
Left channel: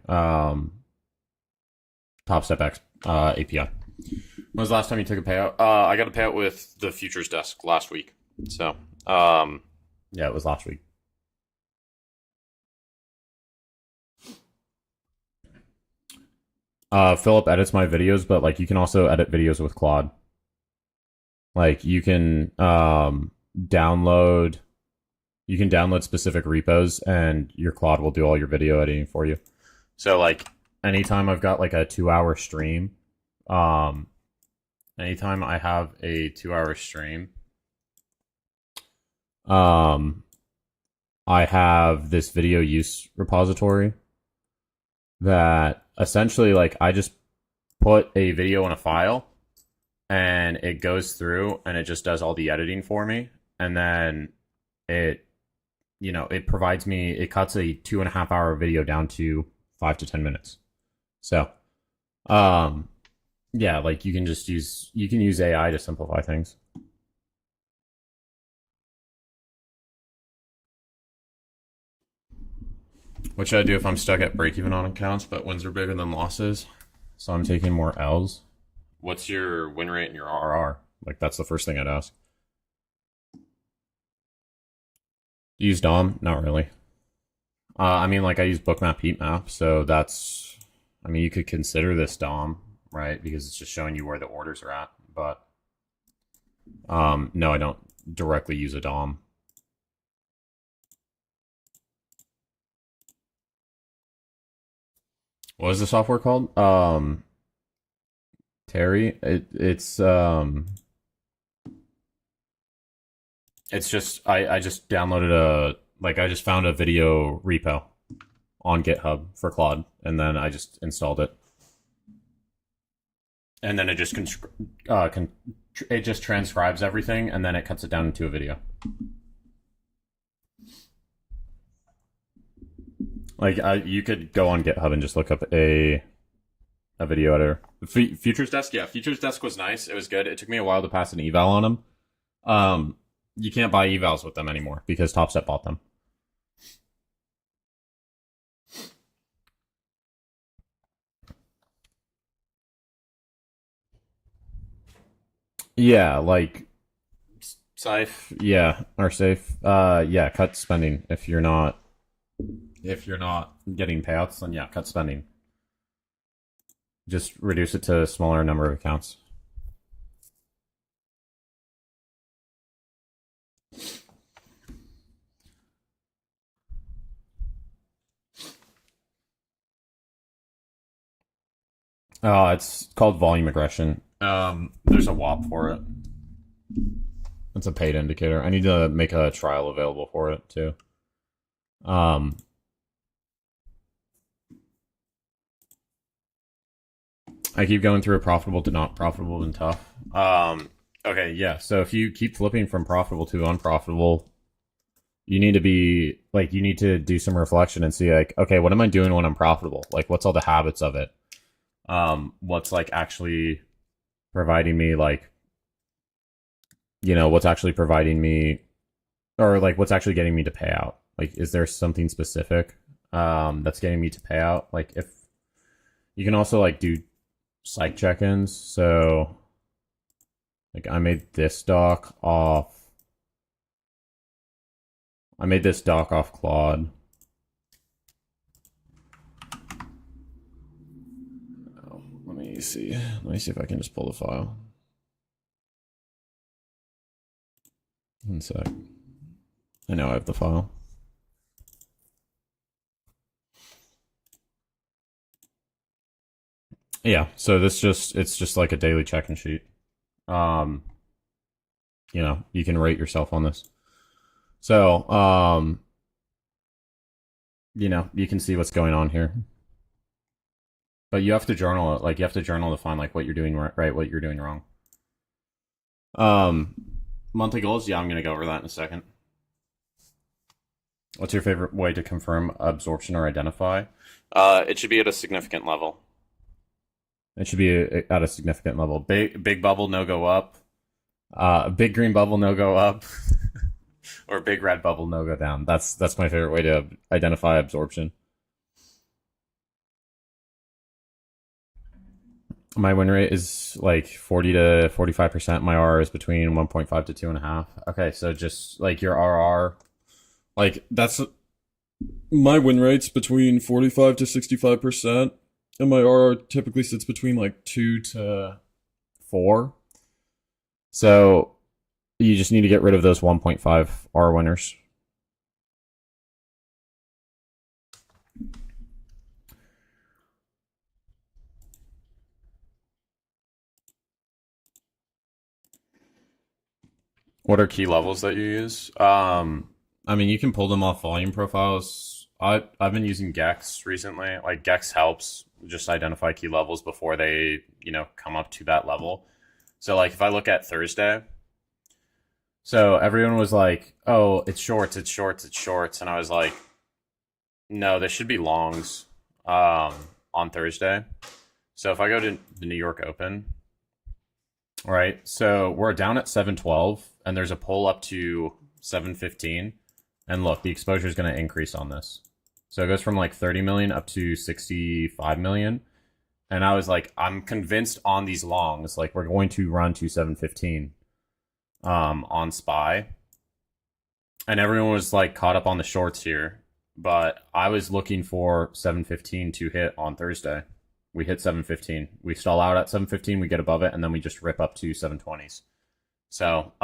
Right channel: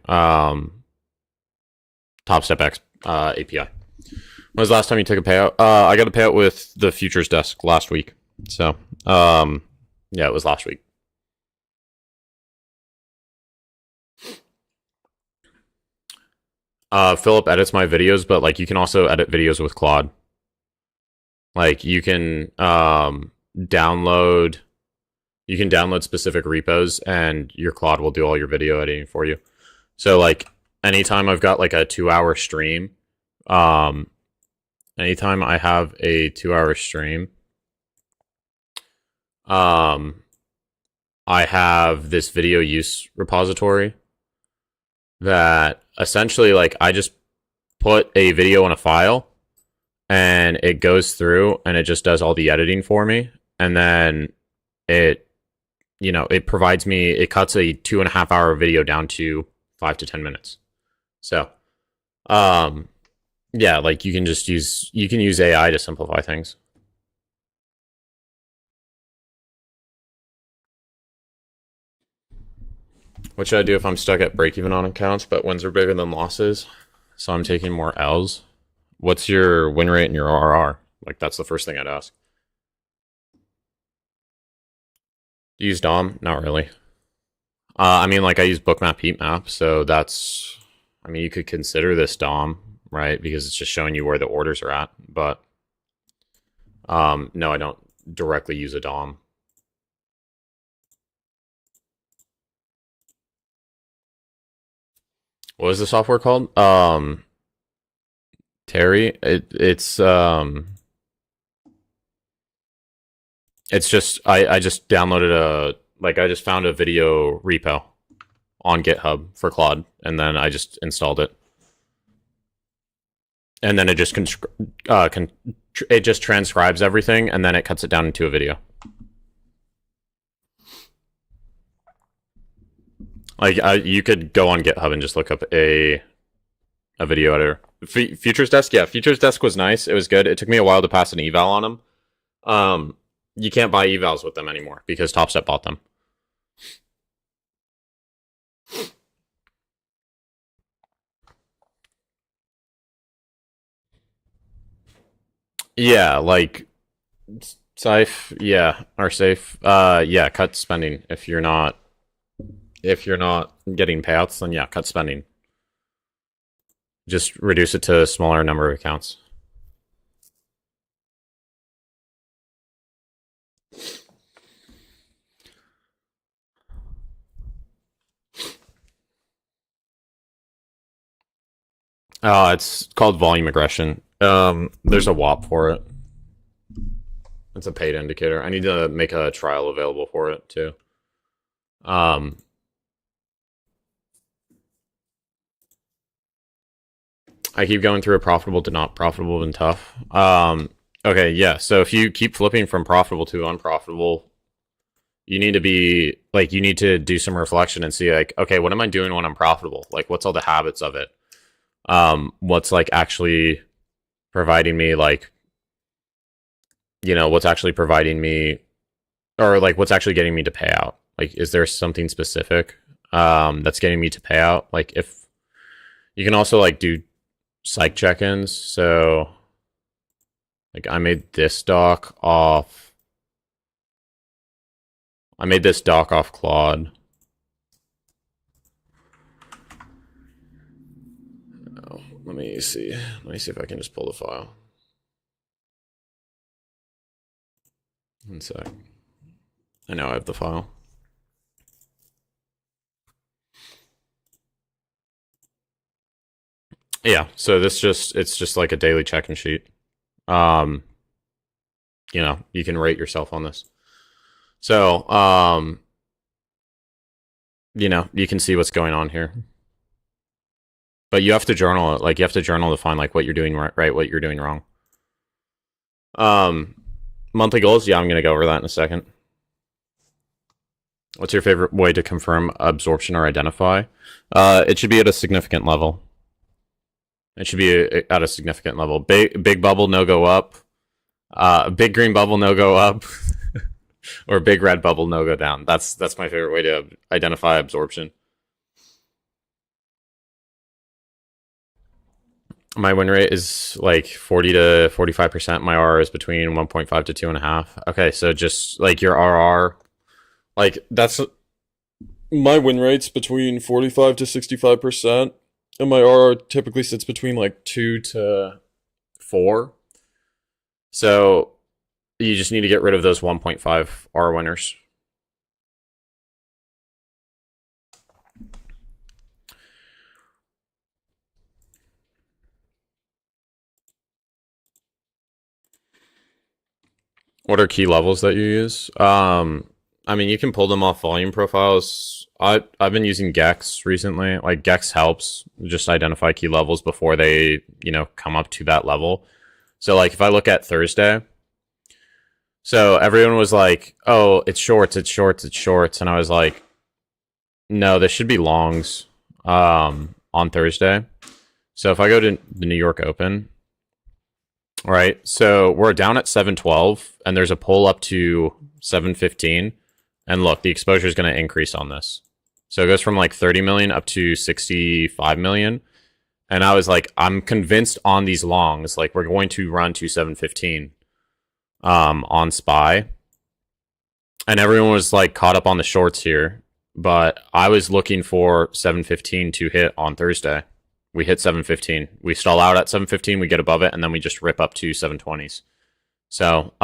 TopStep API. When was the last time you took a payout? I got a payout with the futures desk last week. So yeah, it was last week. Philip edits my videos, but like you can also edit videos with Claude. Like you can download specific repos and your Claude will do all your video editing for you. So like anytime I've got like a 2-hour stream, anytime I have a 2-hour stream, I have this video use repository that essentially like I just put a video in a file and it goes through and it just does all the editing for me. And then it, it provides me, it cuts a 2.5-hour video down to 5 to 10 minutes. So, yeah, like you can use AI to simplify things. What should I do if I'm stuck at break even on accounts, but wins are bigger than losses? So I'm taking more L's. What's your win rate and your RR? Like that's the first thing I'd ask. Use DOM? Not really. I mean, like I use bookmap heatmap, so that's. I mean, you could consider this DOM, right? Because it's just showing you where the orders are at. But no, I don't directly use a DOM. What is the software called? Terry. It's just I just downloaded I just found a video repo on GitHub for Claude, and then I just installed it, and then it just it just transcribes everything, and then it cuts it down into a video. Like you could go on GitHub and just look up a video editor. Futures Desk, yeah, Futures Desk was nice. It was good. It took me a while to pass an eval on them. You can't buy evals with them anymore because TopStep bought them. Yeah, like Safe, yeah, or safe. Yeah, cut spending if you're not getting payouts, then yeah, cut spending. Just reduce it to a smaller number of accounts. It's called volume aggression. There's a WAP for it. It's a paid indicator. I need to make a trial available for it too. I keep going through a profitable to not profitable and tough. Okay, yeah. So if you keep flipping from profitable to unprofitable, you need to do some reflection and see like, okay, what am I doing when I'm profitable? Like, what's all the habits of it? What's like actually providing me like, what's actually providing me, or like what's actually getting me to pay out? Like, is there something specific that's getting me to pay out? Like, if you can also like do psych check-ins. So like I made this doc off I made this dock off Claude. Oh, let me see. Let me see if I can just pull the file. One sec. I know I have the file. Yeah, so it's just like a daily check-in sheet. Um, you can rate yourself on this. So, you can see what's going on here. But you have to journal it. Like you have to journal to find like what you're doing right, what you're doing wrong. Um, Monthly goals, yeah, I'm gonna go over that in a second. What's your favorite way to confirm absorption or identify? It should be at a significant level. It should be at a significant level. Big bubble, no go up. Big green bubble, no go up. Or big red bubble, no go down. That's my favorite way to identify absorption. My win rate is like 40 to 45%. My RR is between 1.5 to 2.5. Okay, so just like your RR, like that's my win rate's between 45 to 65%, and my RR typically sits between like 2 to 4. So you just need to get rid of those 1.5 R winners. What are key levels that you use? I mean, you can pull them off volume profiles. I've been using Gex recently. Like Gex helps just identify key levels before they, come up to that level. So like if I look at Thursday, so everyone was like, "Oh, it's shorts, it's shorts, it's shorts," and I was like, "No, this should be longs." On Thursday. So if I go to the New York Open, right? So we're down at 712, and there's a pull up to 715. And look, the exposure is going to increase on this. So it goes from like 30 million up to 65 million. And I was like, I'm convinced on these longs, like we're going to run to 715 on SPY. And everyone was like caught up on the shorts here. But I was looking for 715 to hit on Thursday. We hit 715. We stall out at 715, we get above it, and then we just rip up to 720s. So,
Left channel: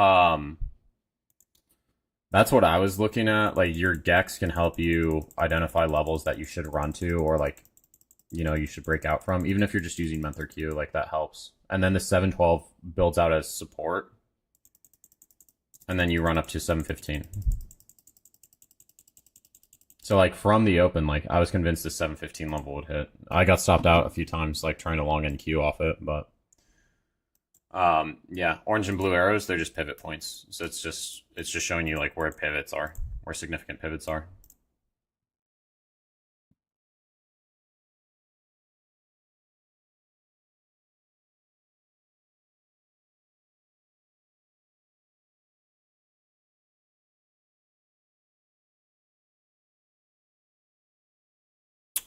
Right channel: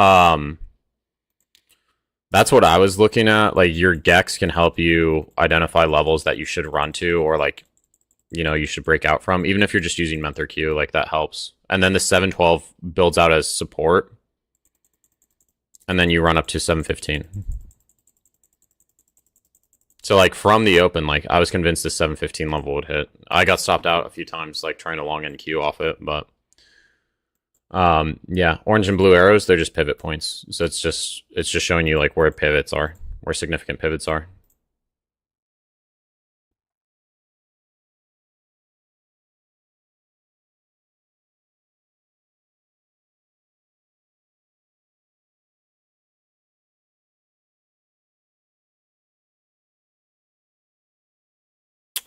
that's what I was looking at. Like your Gex can help you identify levels that you should run to, or like, you should break out from. Even if you're just using Mentor Q, like that helps. And then the 712 builds out as support, and then you run up to 715. So like from the open, like I was convinced the 715 level would hit. I got stopped out a few times, like trying to long end Q off it, but yeah, orange and blue arrows, they're just pivot points. So it's just showing you like where pivots are, where significant pivots are.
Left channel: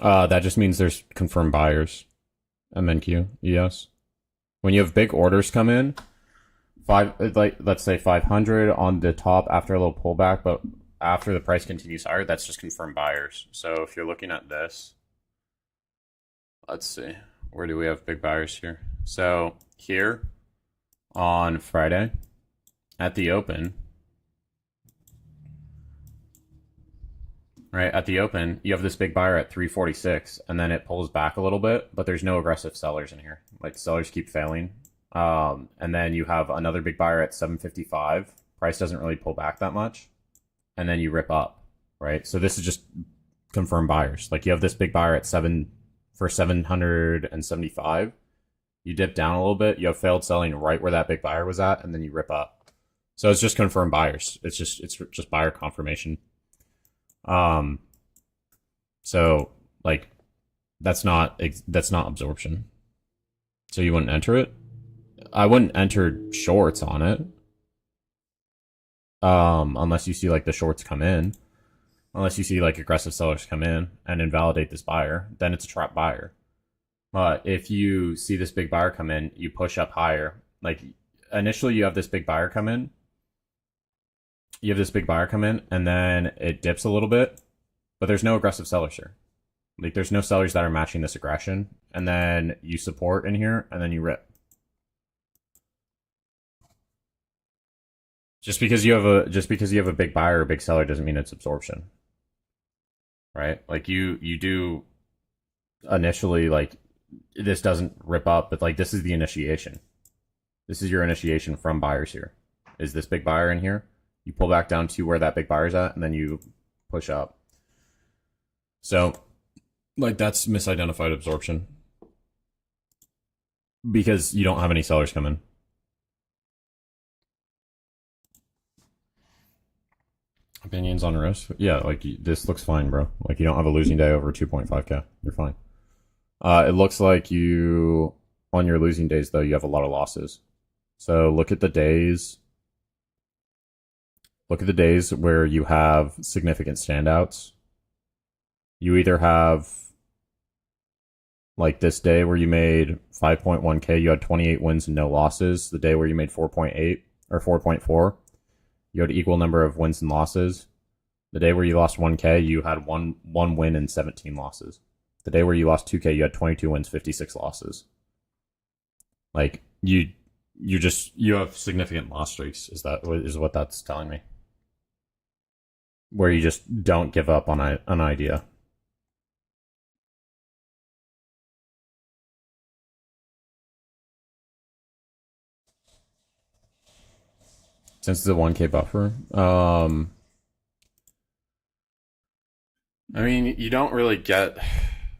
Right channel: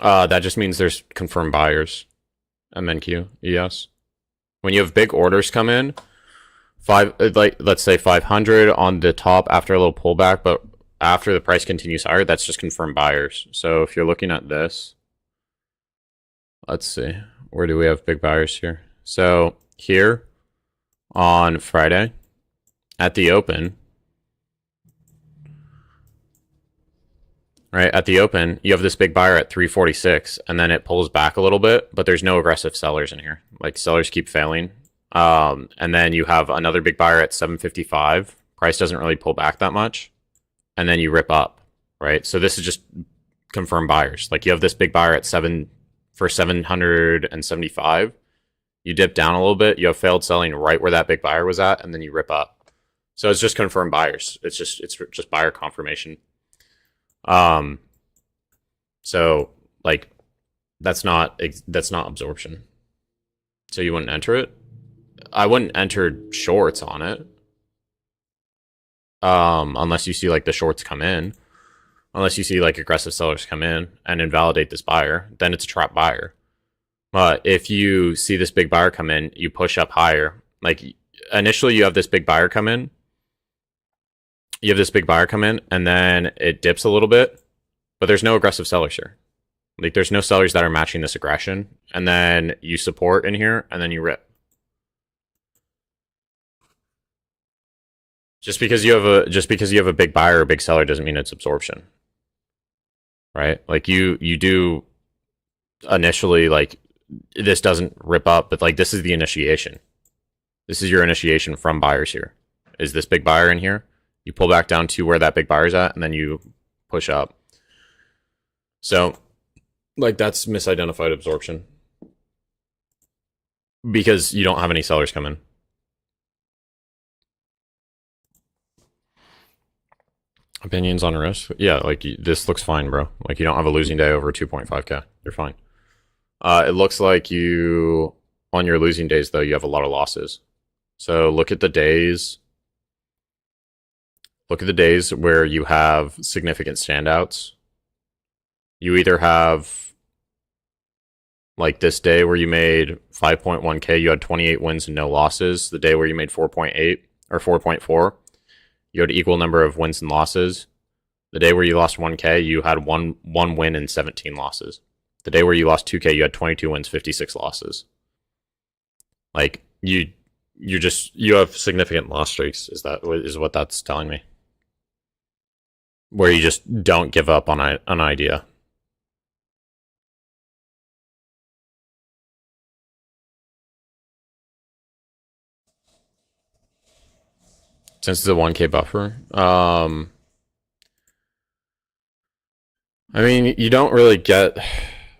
That just means there's confirmed buyers. MNQ, ES. When you have big orders come in, like let's say 500 on the top after a little pullback, but after the price continues higher, that's just confirmed buyers. So if you're looking at this, let's see, where do we have big buyers here? So here on Friday at the open, right? At the open, you have this big buyer at 346, and then it pulls back a little bit, but there's no aggressive sellers in here. Like sellers keep failing. And then you have another big buyer at 755. Price doesn't really pull back that much. And then you rip up, right? So this is just confirmed buyers. Like you have this big buyer at 775. You dip down a little bit, you have failed selling right where that big buyer was at, and then you rip up. So it's just confirmed buyers. It's just buyer confirmation. So like that's not absorption. So you wouldn't enter it. I wouldn't enter shorts on it. Unless you see like the shorts come in, unless you see like aggressive sellers come in and invalidate this buyer, then it's a trap buyer. But if you see this big buyer come in, you push up higher. Like initially you have this big buyer come in, you have this big buyer come in, and then it dips a little bit, but there's no aggressive sellers here. Like there's no sellers that are matching this aggression, and then you support in here, and then you rip. Just because you have a big buyer or a big seller doesn't mean it's absorption, right? Like you do initially like this doesn't rip up, but like this is the initiation. This is your initiation from buyers here. Is this big buyer in here? You pull back down to where that big buyer's at, and then you push up. So, like that's misidentified absorption because you don't have any sellers come in. Opinions on risk? Yeah, like this looks fine, bro. Like you don't have a losing day over 2.5k. You're fine. It looks like you on your losing days though you have a lot of losses. So look at the days. Look at the days where you have significant standouts. You either have like this day where you made 5.1k, you had 28 wins and no losses. The day where you made 4.8 or 4.4, you had equal number of wins and losses. The day where you lost 1k, you had one win and 17 losses. The day where you lost 2k, you had 22 wins, 56 losses. Like you have significant loss streaks. Is what that's telling me? Where you just don't give up on an idea. Since it's a 1k buffer, I mean, you don't really get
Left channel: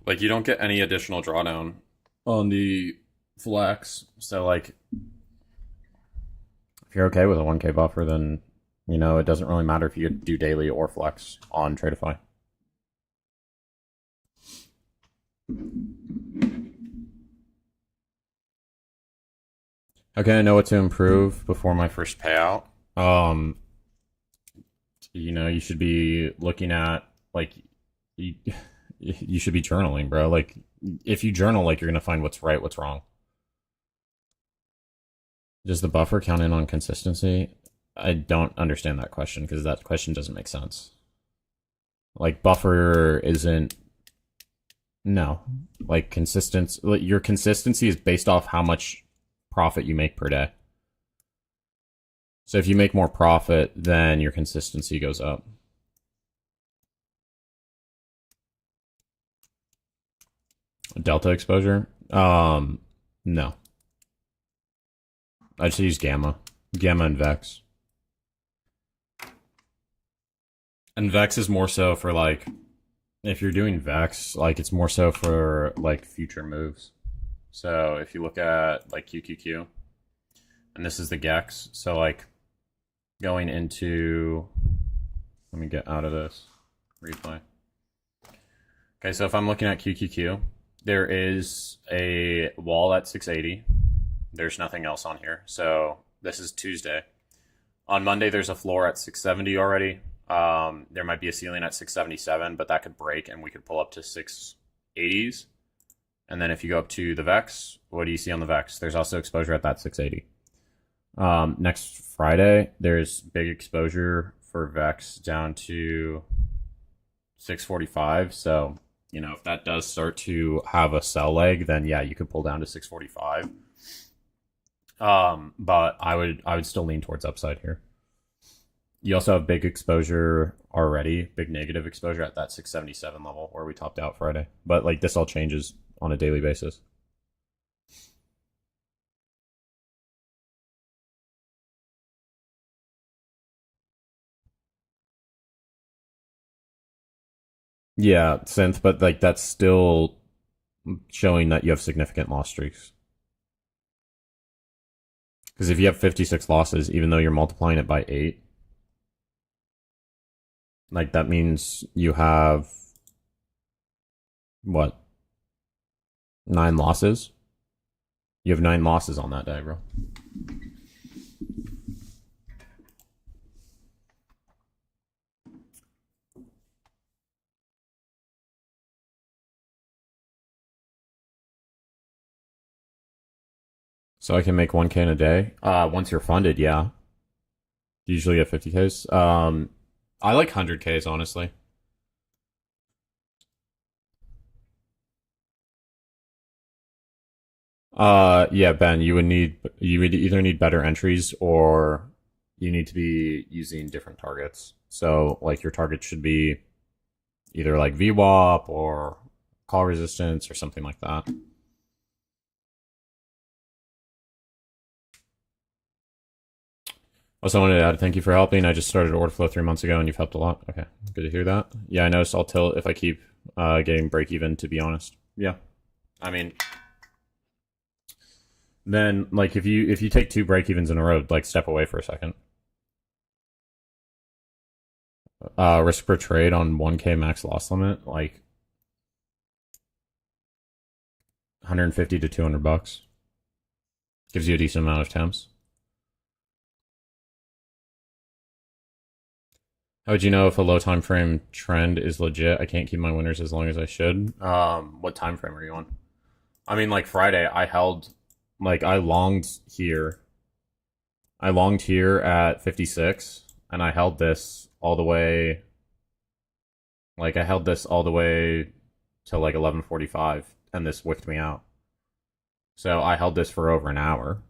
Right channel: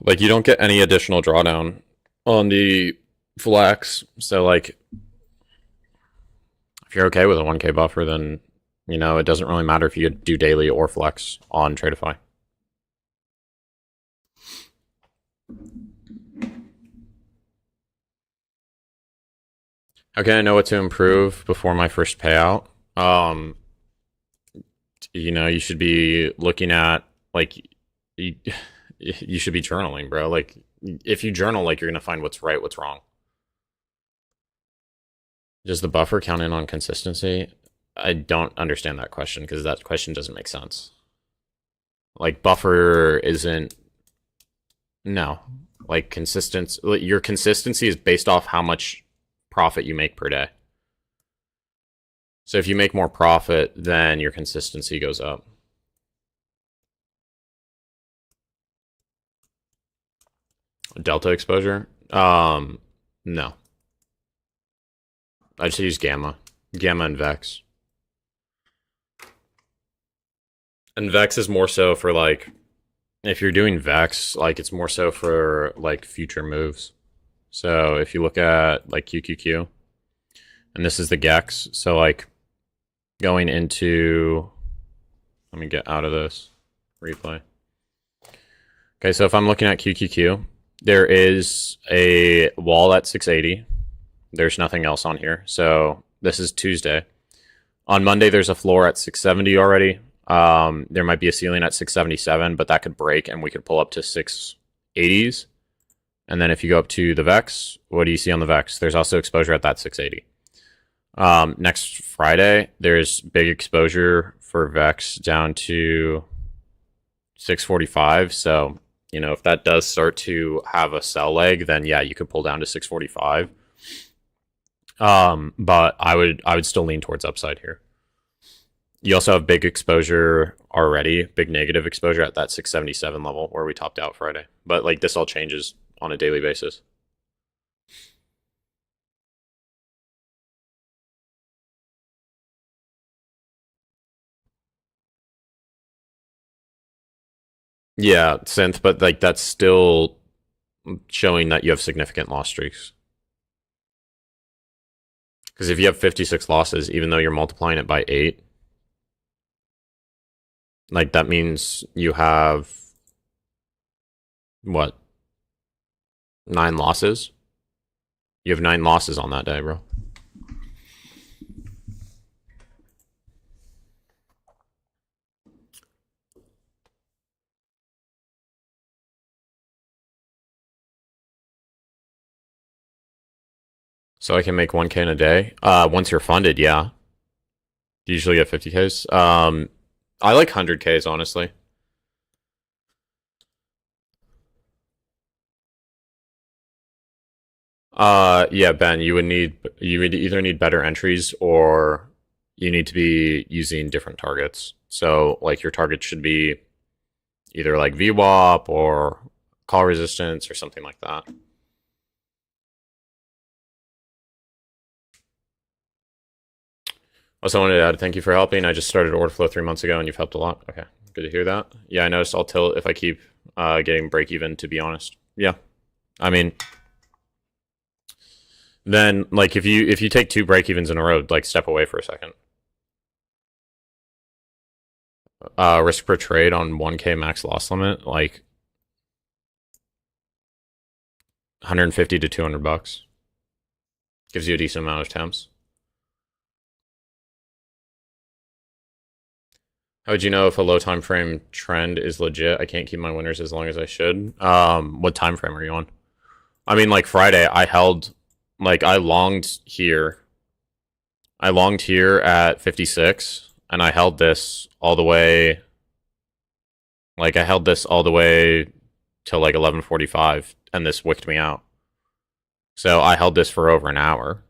like you don't get any additional drawdown on the flex. So like if you're okay with a 1k buffer, then it doesn't really matter if you do daily or flex on Tradeify. Okay, I know what to improve before my first payout. You should be looking at like you, you should be journaling, bro. Like if you journal, like you're gonna find what's right, what's wrong. Does the buffer count in on consistency? I don't understand that question because that question doesn't make sense. Like buffer isn't no like consistency. Your consistency is based off how much profit you make per day. So if you make more profit, then your consistency goes up. Delta exposure? No. I just use gamma. Gamma and Vex. And Vex is more so for like if you're doing Vex, like it's more so for like future moves. So if you look at like QQQ, and this is the Gex, so like going into, let me get out of this replay. Okay, so if I'm looking at QQQ, there is a wall at 680. There's nothing else on here. So this is Tuesday. On Monday, there's a floor at 670 already. There might be a ceiling at 677, but that could break and we could pull up to 680s. And then if you go up to the Vex, what do you see on the Vex? There's also exposure at that 680. Next Friday, there's big exposure for Vex down to 645. So, if that does start to have a sell leg, then yeah, you could pull down to 645. But I would still lean towards upside here. You also have big exposure already, big negative exposure at that 677 level where we topped out Friday. But like this all changes on a daily basis. Yeah, synth, but like that's still showing that you have significant loss streaks. Because if you have 56 losses, even though you're multiplying it by 8, like that means you have what? 9 losses? You have 9 losses on that day, bro. So I can make 1k in a day. Once you're funded, yeah. Usually get 50Ks. I like 100Ks, honestly. Yeah, Ben, you would either need better entries or you need to be using different targets. So like your target should be either like VWAP or call resistance or something like that. Also wanted to add thank you for helping. I just started order flow 3 months ago and you've helped a lot. Okay, good to hear that. Yeah, I noticed I'll tilt if I keep getting break even, to be honest. Yeah, I mean, then like if you take two break evens in a row, like step away for a second. Risk per trade on 1K max loss limit, like 150 to $200. Gives you a decent amount of temps. How would you know if a low time frame trend is legit? I can't keep my winners as long as I should. What time frame are you on? I mean, like Friday, I held, like I longed here. I longed here at 56, and I held this all the way. Like I held this all the way till like 11:45, and this wicked me out. So I held this for over an hour.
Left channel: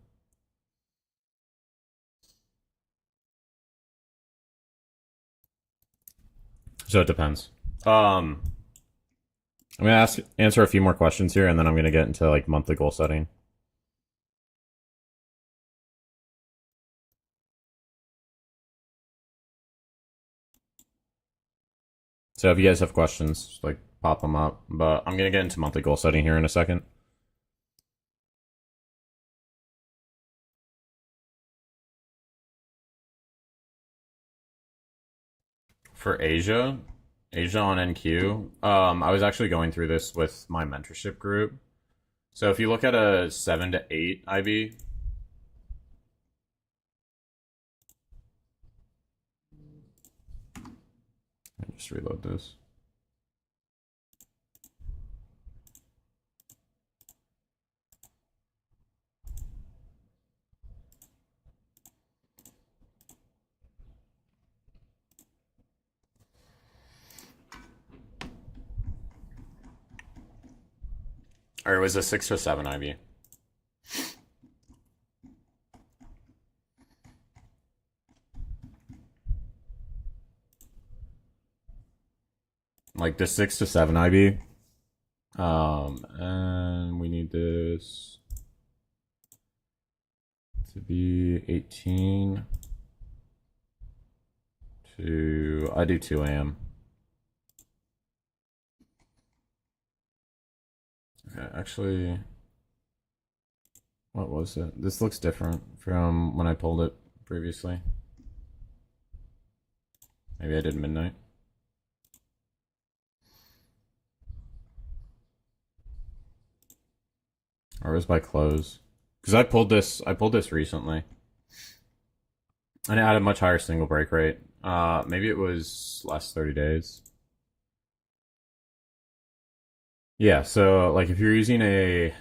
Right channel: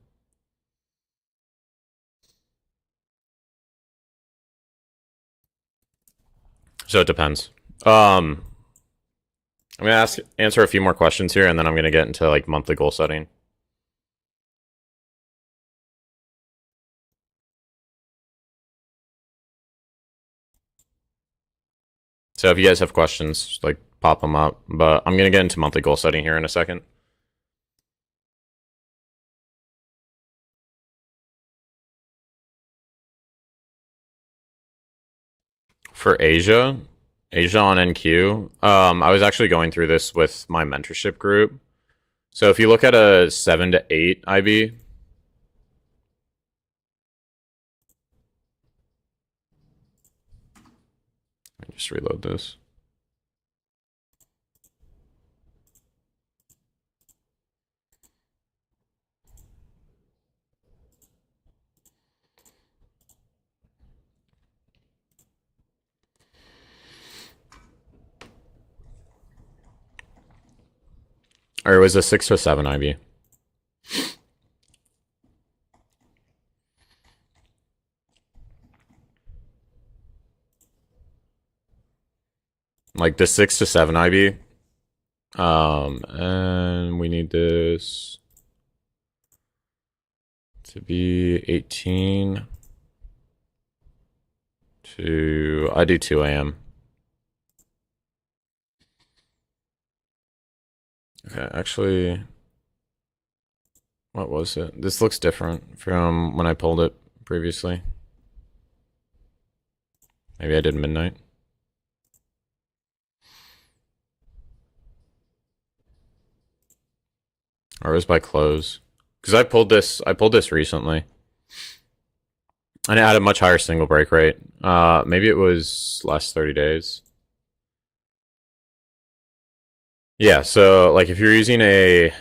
So it depends. I'm gonna answer a few more questions here, and then I'm gonna get into like monthly goal setting. So if you guys have questions, just, like pop them up. But I'm gonna get into monthly goal setting here in a second. For Asia on NQ, I was actually going through this with my mentorship group. So if you look at a 7 to 8 IB, let me just reload this. Or it was a 6 to 7 IB. Like the 6 to 7 IB. And we need this to be 18 to, I do 2 a.m. Okay, actually, what was it? This looks different from when I pulled it previously. Maybe I did midnight. Or it was by close. Because I pulled this recently. And it had a much higher single break rate. Maybe it was last 30 days. Yeah, so like if you're using a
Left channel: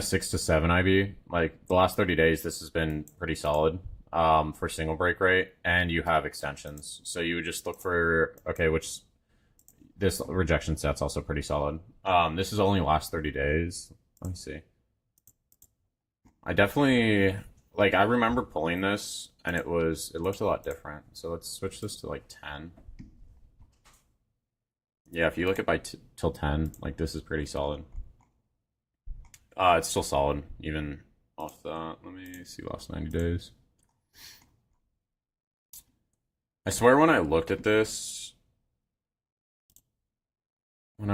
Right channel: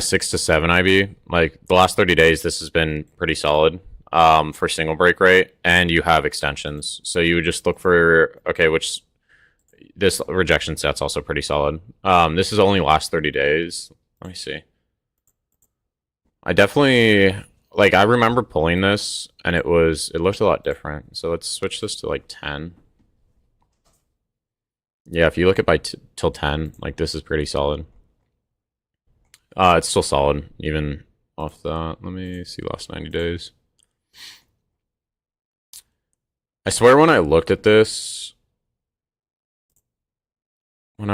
6 to 7 IB, like the last 30 days this has been pretty solid for single break rate, and you have extensions. So you would just look for, okay, which this rejection set's also pretty solid. This is only last 30 days. Let me see. I definitely, like, I remember pulling this and it looked a lot different. So let's switch this to like 10. Yeah, if you look at by till 10, like this is pretty solid. It's still solid even off that. Let me see last 90 days. I swear when I looked at this on I looked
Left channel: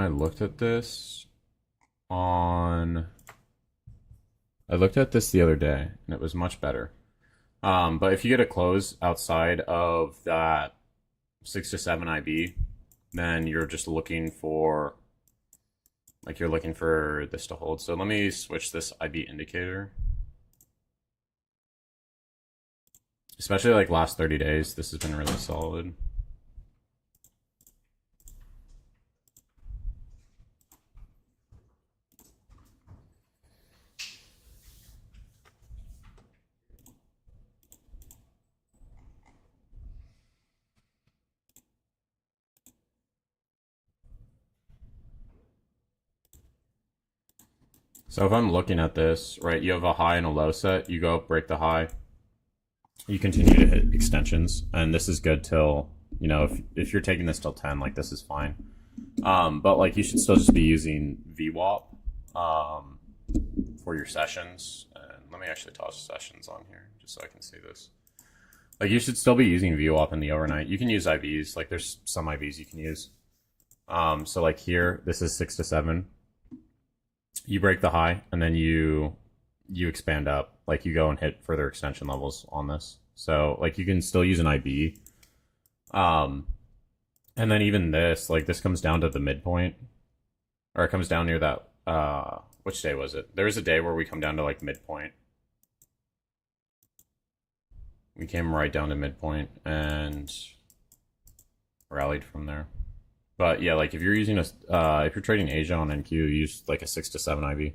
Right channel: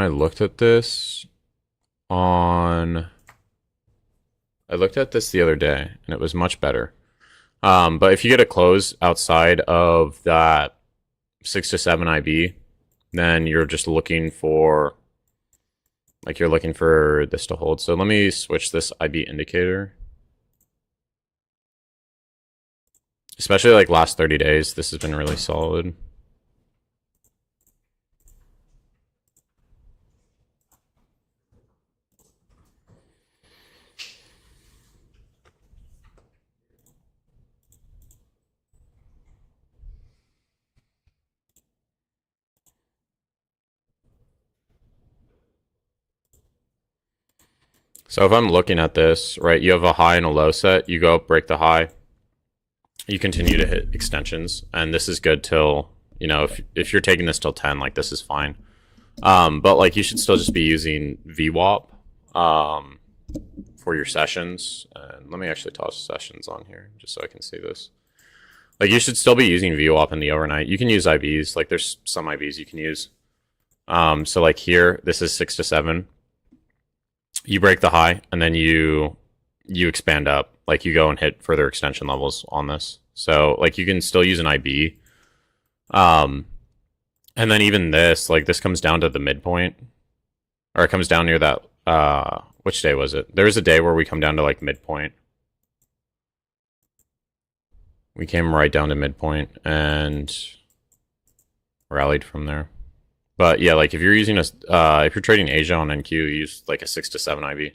at this the other day and it was much better. But if you get a close outside of that 6 to 7 IB, then you're just looking for, like, you're looking for this to hold. So let me switch this IB indicator. Especially like last 30 days, this has been really solid. So if I'm looking at this, right, you have a high and a low set, you go up, break the high, you continue to hit extensions, and this is good till, you know, if you're taking this till 10, like this is fine. But like you should still just be using VWAP for your sessions. And let me actually toss sessions on here just so I can see this. Like you should still be using VWAP in the overnight. You can use IVs, like there's some IVs you can use. So like here, this is 6 to 7. You break the high, and then you expand up. Like you go and hit further extension levels on this. So like you can still use an IB. And then even this, like this comes down to the midpoint, or it comes down near that. Which day was it? There was a day where we come down to like midpoint. We came right down to midpoint and rallied from there. But yeah, like if you're using a, if you're trading Asia on NQ, use like a 6 to 7 IB.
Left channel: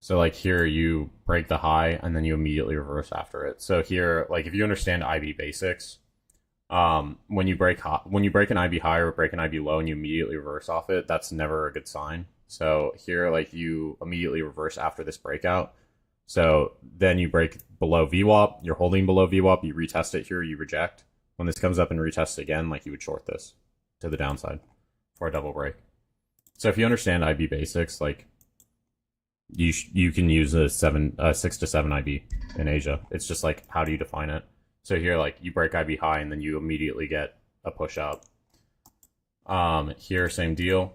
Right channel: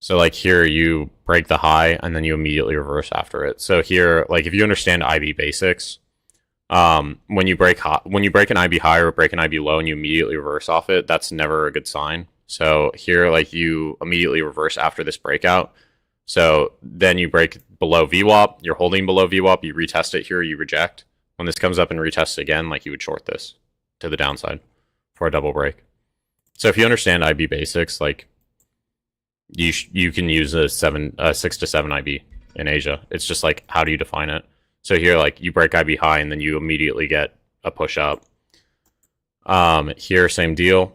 So like here you break the high and then you immediately reverse after it. So here, like if you understand IB basics, when you break an IB high or break an IB low and you immediately reverse off it, that's never a good sign. So here, like you immediately reverse after this breakout. So then you break below VWAP, you're holding below VWAP, you retest it here, you reject. When this comes up and retests again, like you would short this to the downside for a double break. So if you understand IB basics, like you can use a 6 to 7 IB in Asia. It's just like, how do you define it? So here, like you break IB high and then you immediately get a push up. Here, same deal.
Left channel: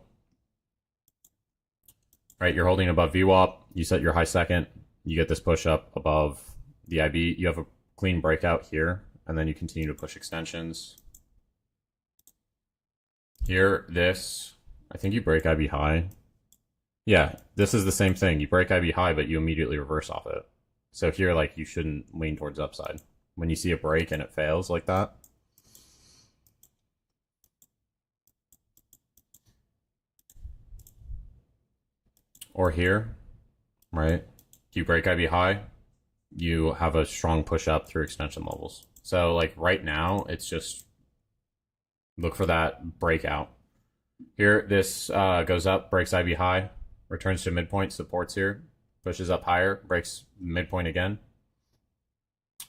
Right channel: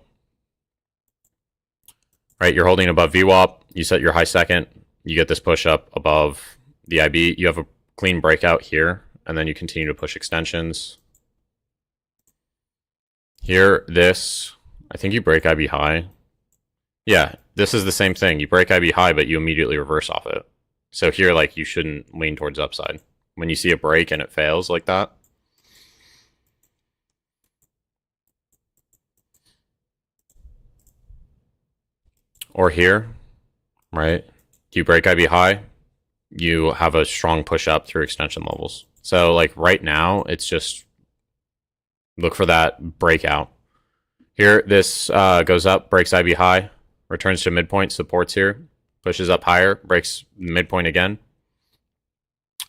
Right, you're holding above VWAP. You set your high second. You get this push up above the IB. You have a clean breakout here, and then you continue to push extensions. Here, this, I think you break IB high. Yeah, this is the same thing. You break IB high, but you immediately reverse off it. So here, like, you shouldn't lean towards upside. When you see a break and it fails like that. Or here, right? You break IB high, you have a strong push up through extension levels. So like right now, it's just look for that breakout. Here, this goes up, breaks IB high, returns to midpoint, supports here, pushes up higher, breaks midpoint again.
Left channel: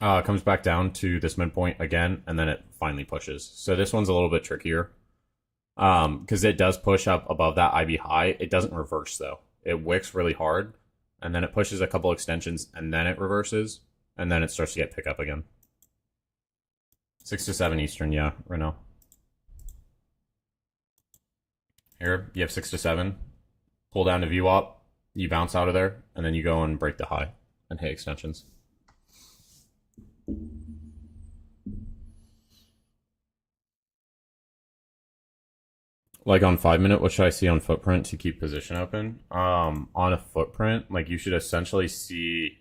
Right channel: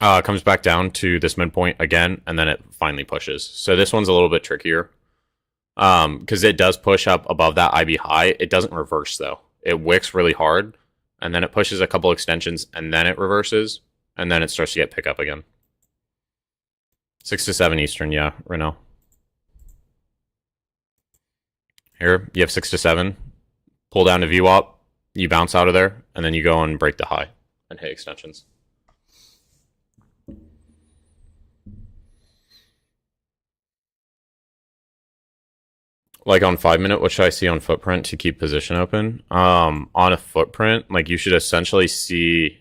Comes back down to this midpoint again, and then it finally pushes. So this one's a little bit trickier because it does push up above that IB high. It doesn't reverse though. It wicks really hard, and then it pushes a couple extensions, and then it reverses, and then it starts to get pick up again. 6 to 7 Eastern, yeah, Renault. Here, you have 6 to 7. Pull down to VWAP, you bounce out of there, and then you go and break the high and hit extensions. Like on 5-minute, what should I see on footprint to keep position open? On a footprint, like you should essentially see,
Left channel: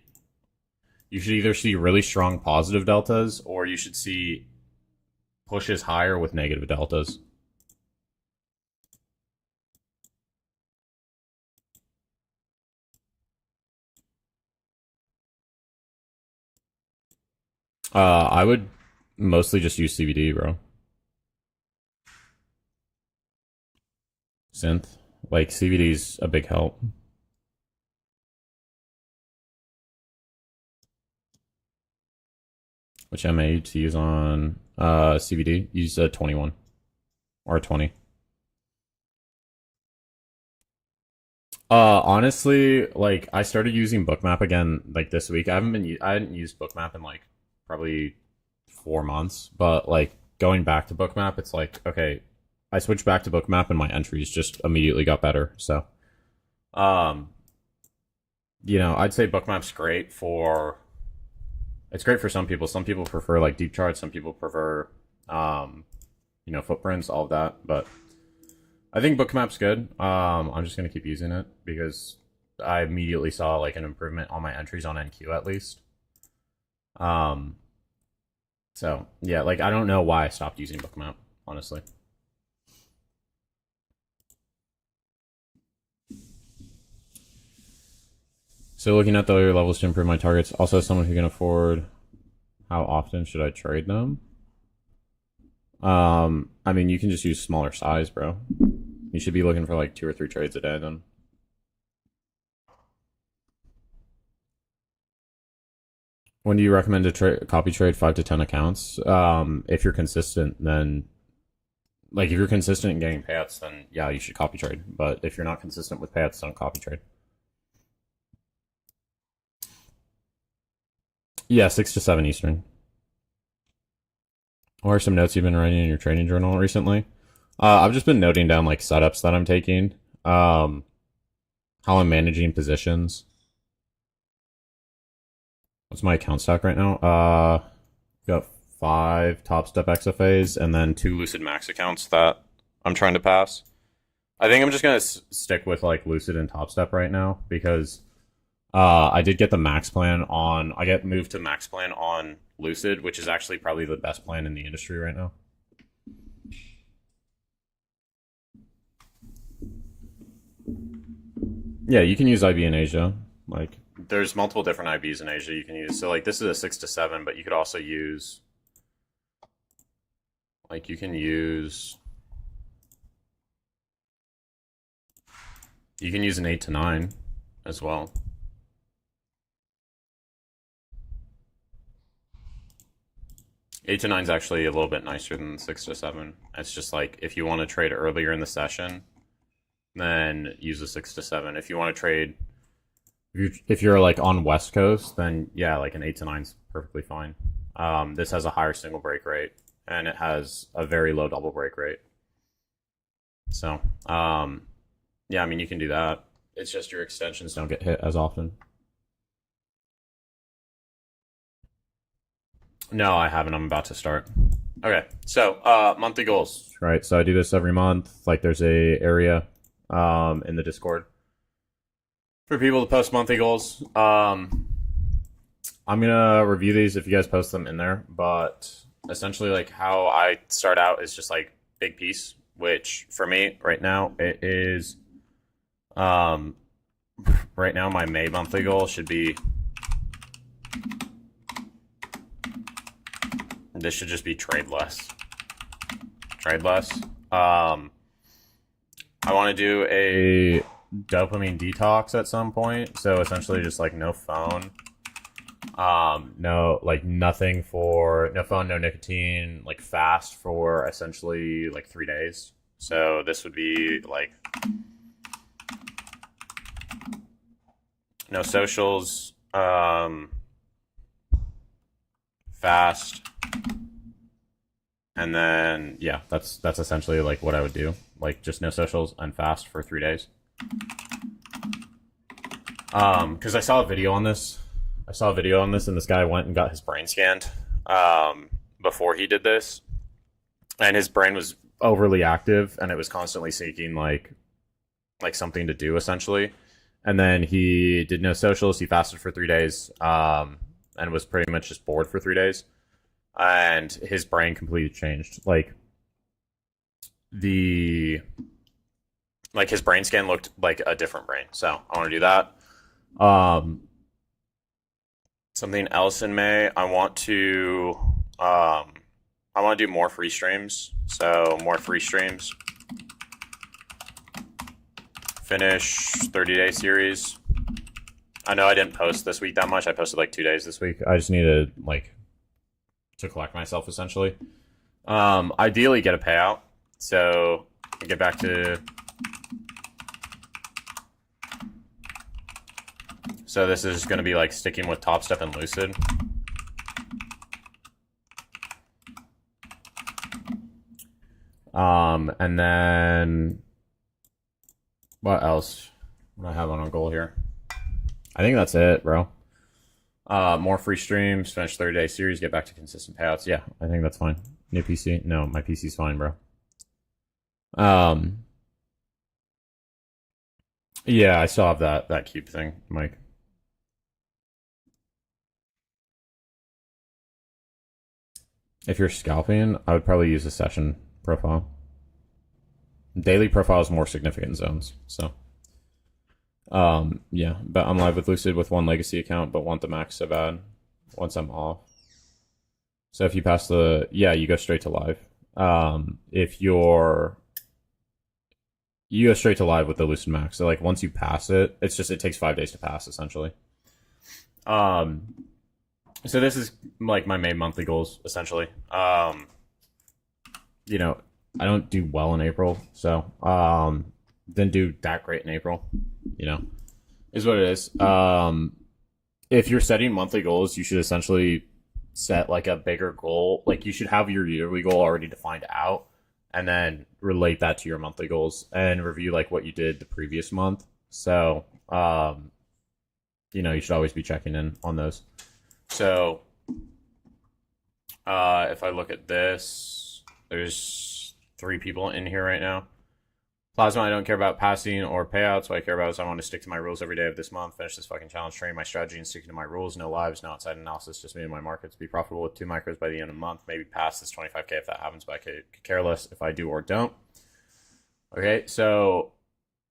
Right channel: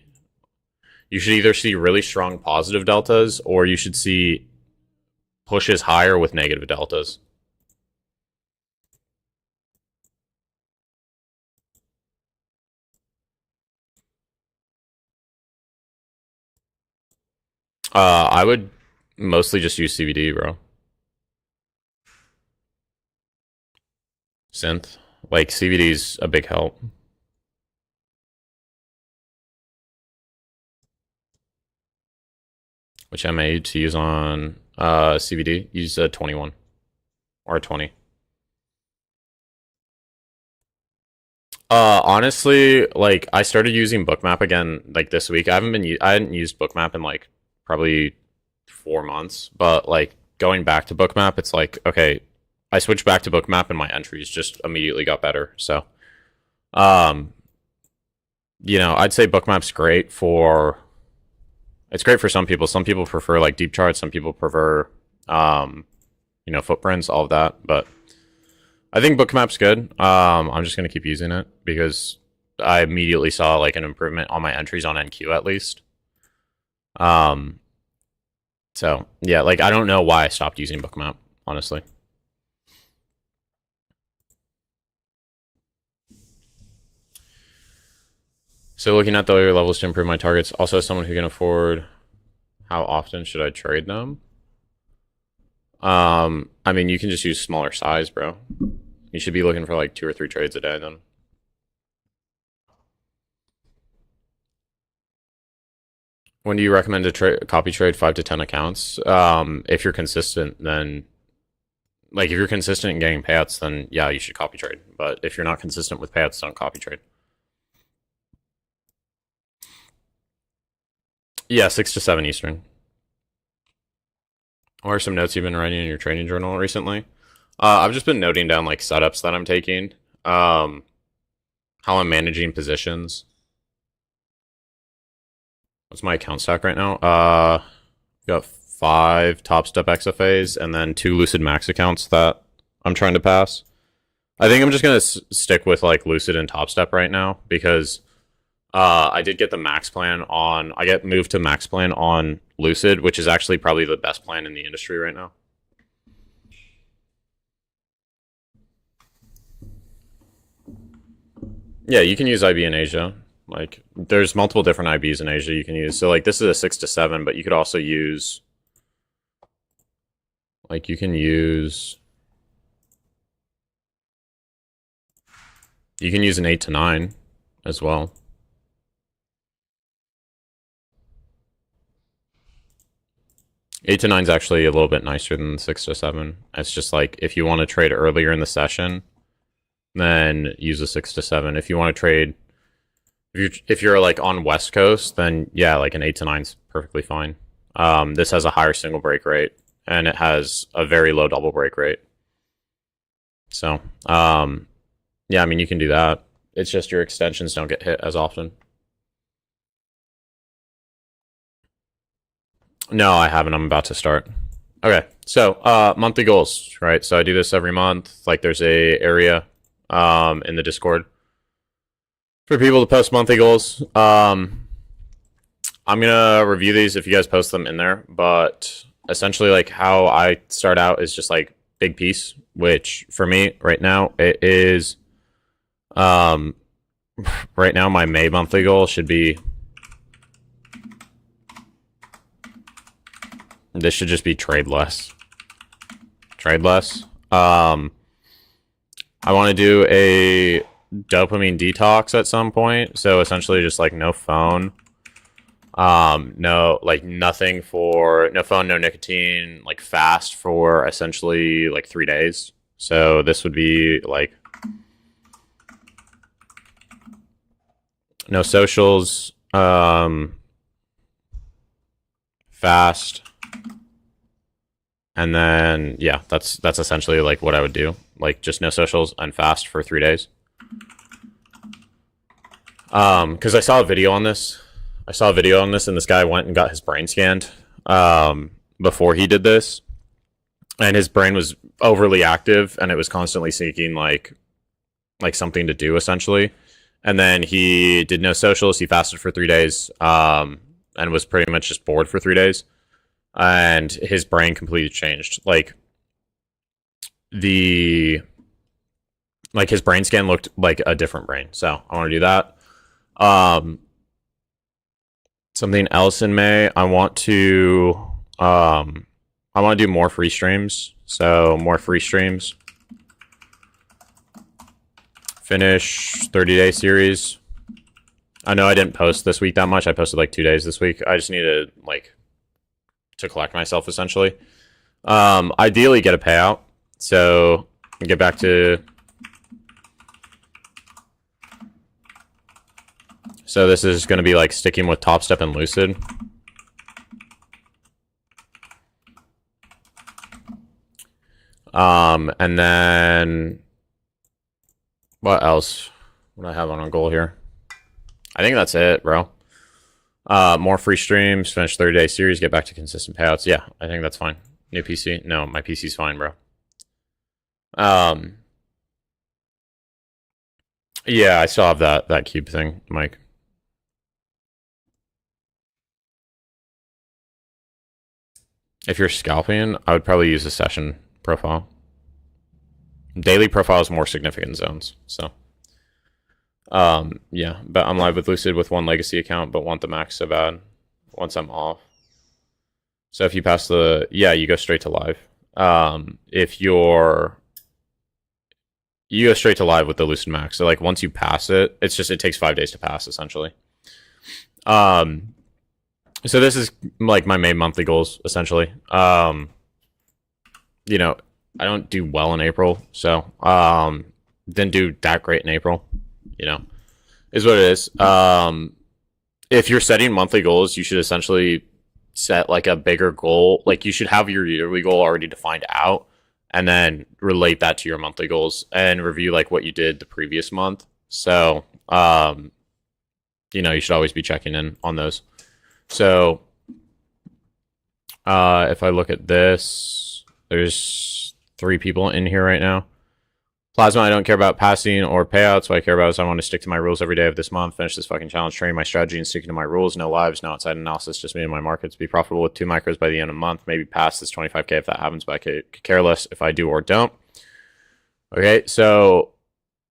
you should either see really strong positive deltas or you should see pushes higher with negative deltas. I would mostly just use CVD, bro. Synth. Like CVD's a big help. Which MA to use on CVD? Use a 21 or a 20. Honestly, like I started using Bookmap again like this week. I hadn't used Bookmap in like probably 4 months, but like going back to Bookmap, it's like okay, I switched back to Bookmap and my entries just immediately got better. So, um, I'd say Bookmap's great for. It's great for some people. Some people prefer like deep charts. Some people prefer, footprints, all of that. But I think Bookmap's good. I'm just gonna keep using it because I immediately saw like an improvement on my entries on NQ at least. So yeah, like I don't know why I stopped using Bookmap, honestly. So looking at the lower levels to improve my targets. Also, as someone who can afford, how often should I trade them? I mean, you can just use smaller size, bro. You should be looking for like 2 or 3 trades a day then. When do you recommend to copy trade 5 to 10 accounts? If you're consistent, then like if you're consistent in getting payouts, then yeah, you should copy trade. But if you're not consistent with payouts, don't copy trade. Yeah, 6 to 7 Eastern. What are some notes you've been writing in your training journal recently? I've just been noting down like setups that I'm taking, how I'm managing positions. What's my account stack right now? Got 5 Top Step XFAs and then 2 Lucid Max accounts that I'm trying to pass. I think I'm just gonna stick with like Lucid and Top Step right now because I did get the max plan on. I get moved to max plan on Lucid, which is actually probably the best plan in the industry right now. Yeah, you can use IB in Asia. Like, there's multiple different IBs in Asia you can use. So, like, this is a 6 to 7, but you could also use, like, you can use an 8 to 9 as well. Eight to 9 is actually a little bit nicer than 6 to 7. It's just like if you want to trade earlier in the session, then use a 6 to 7. If you want to trade, if you're like on West Coast, then yeah, like an 8 to 9 is perfectly fine. This has a higher single break rate and it has a very low double break rate. So yeah, I mean you can do that. It's just your extensions don't get hit as often. No, I haven't. I'm about to start. Okay, so monthly goals, right? So I do this every month. Like there's a area in the Discord for people to post monthly goals. I'm gonna review these if you guys post them in there, but essentially like how I start out is just like big piece, which for me right now it is right now my May monthly goal should be, this should just be trade less. Trade less. I want to do a dopamine detox at some point. So essentially just like no phone. No, like nothing for, no phone, no nicotine, like fast for essentially like 3 days. So this would be like no socials, fast. And then, yeah, that's essentially like what I would do. Like just no socials and fast for 3 days. Because I saw a video on this. And this guy went and got his brain scanned before he did this. And his brain was overly active and it was constantly seeking like something to do essentially. And then he did no socials, he fasted for 3 days, and was pretty much just bored for 3 days. And his brain completely changed. Like his brain scan looked like a different brain. So I want to do that. Something else in May, I want to do more free streams. So more free streams. Finish 30-day series. I know I didn't post this week that much. I posted like 2 days this week. I just needed to collect myself essentially. Ideally get a payout. So get back to, so this is going to be like sticking with Top Step and Lucid. And then what else would I have on a goal here? I think that's it, bro. More free streams, finish 30-day series, get back to consistent payouts. Yeah, I think that's fine. New PC? No, my PC's fine, bro. Yeah, I still have that cube thing, Mike. If you're scalping, I would probably use a session profile. Daily profile is more significant zones, so. Yeah, but I'm live with Lucid with 1 legacy account, but want the max so bad once I'm off. So if you pass the, yeah, you go straight to live. If you go straight to live with the Lucid Max. So like once you pass it, it takes 5 days to pass essentially. So this is like my main monthly goals essentially. You know, I don't do well in April, so didn't do that great in April. You know, is what it is. If you're setting monthly goals, you should essentially set like a bigger goal. Like you should have your yearly goal already defined out, and then relate that to your monthly goals and review like what you did the previous month. So, you should always be checking in on those. So, if I look at this, there's 3 people in here right now. Plasma, I don't care about passing or payouts. What I care about is I want to stick to my rules every day of this month, finish this fucking challenge, train my strategy, and sticking to my rules. No lives, no outside analysis, just me and my markets. Be profitable with 2 micros by the end of the month. Maybe pass this 25K if that happens, but I could care less if I do or don't. Okay, so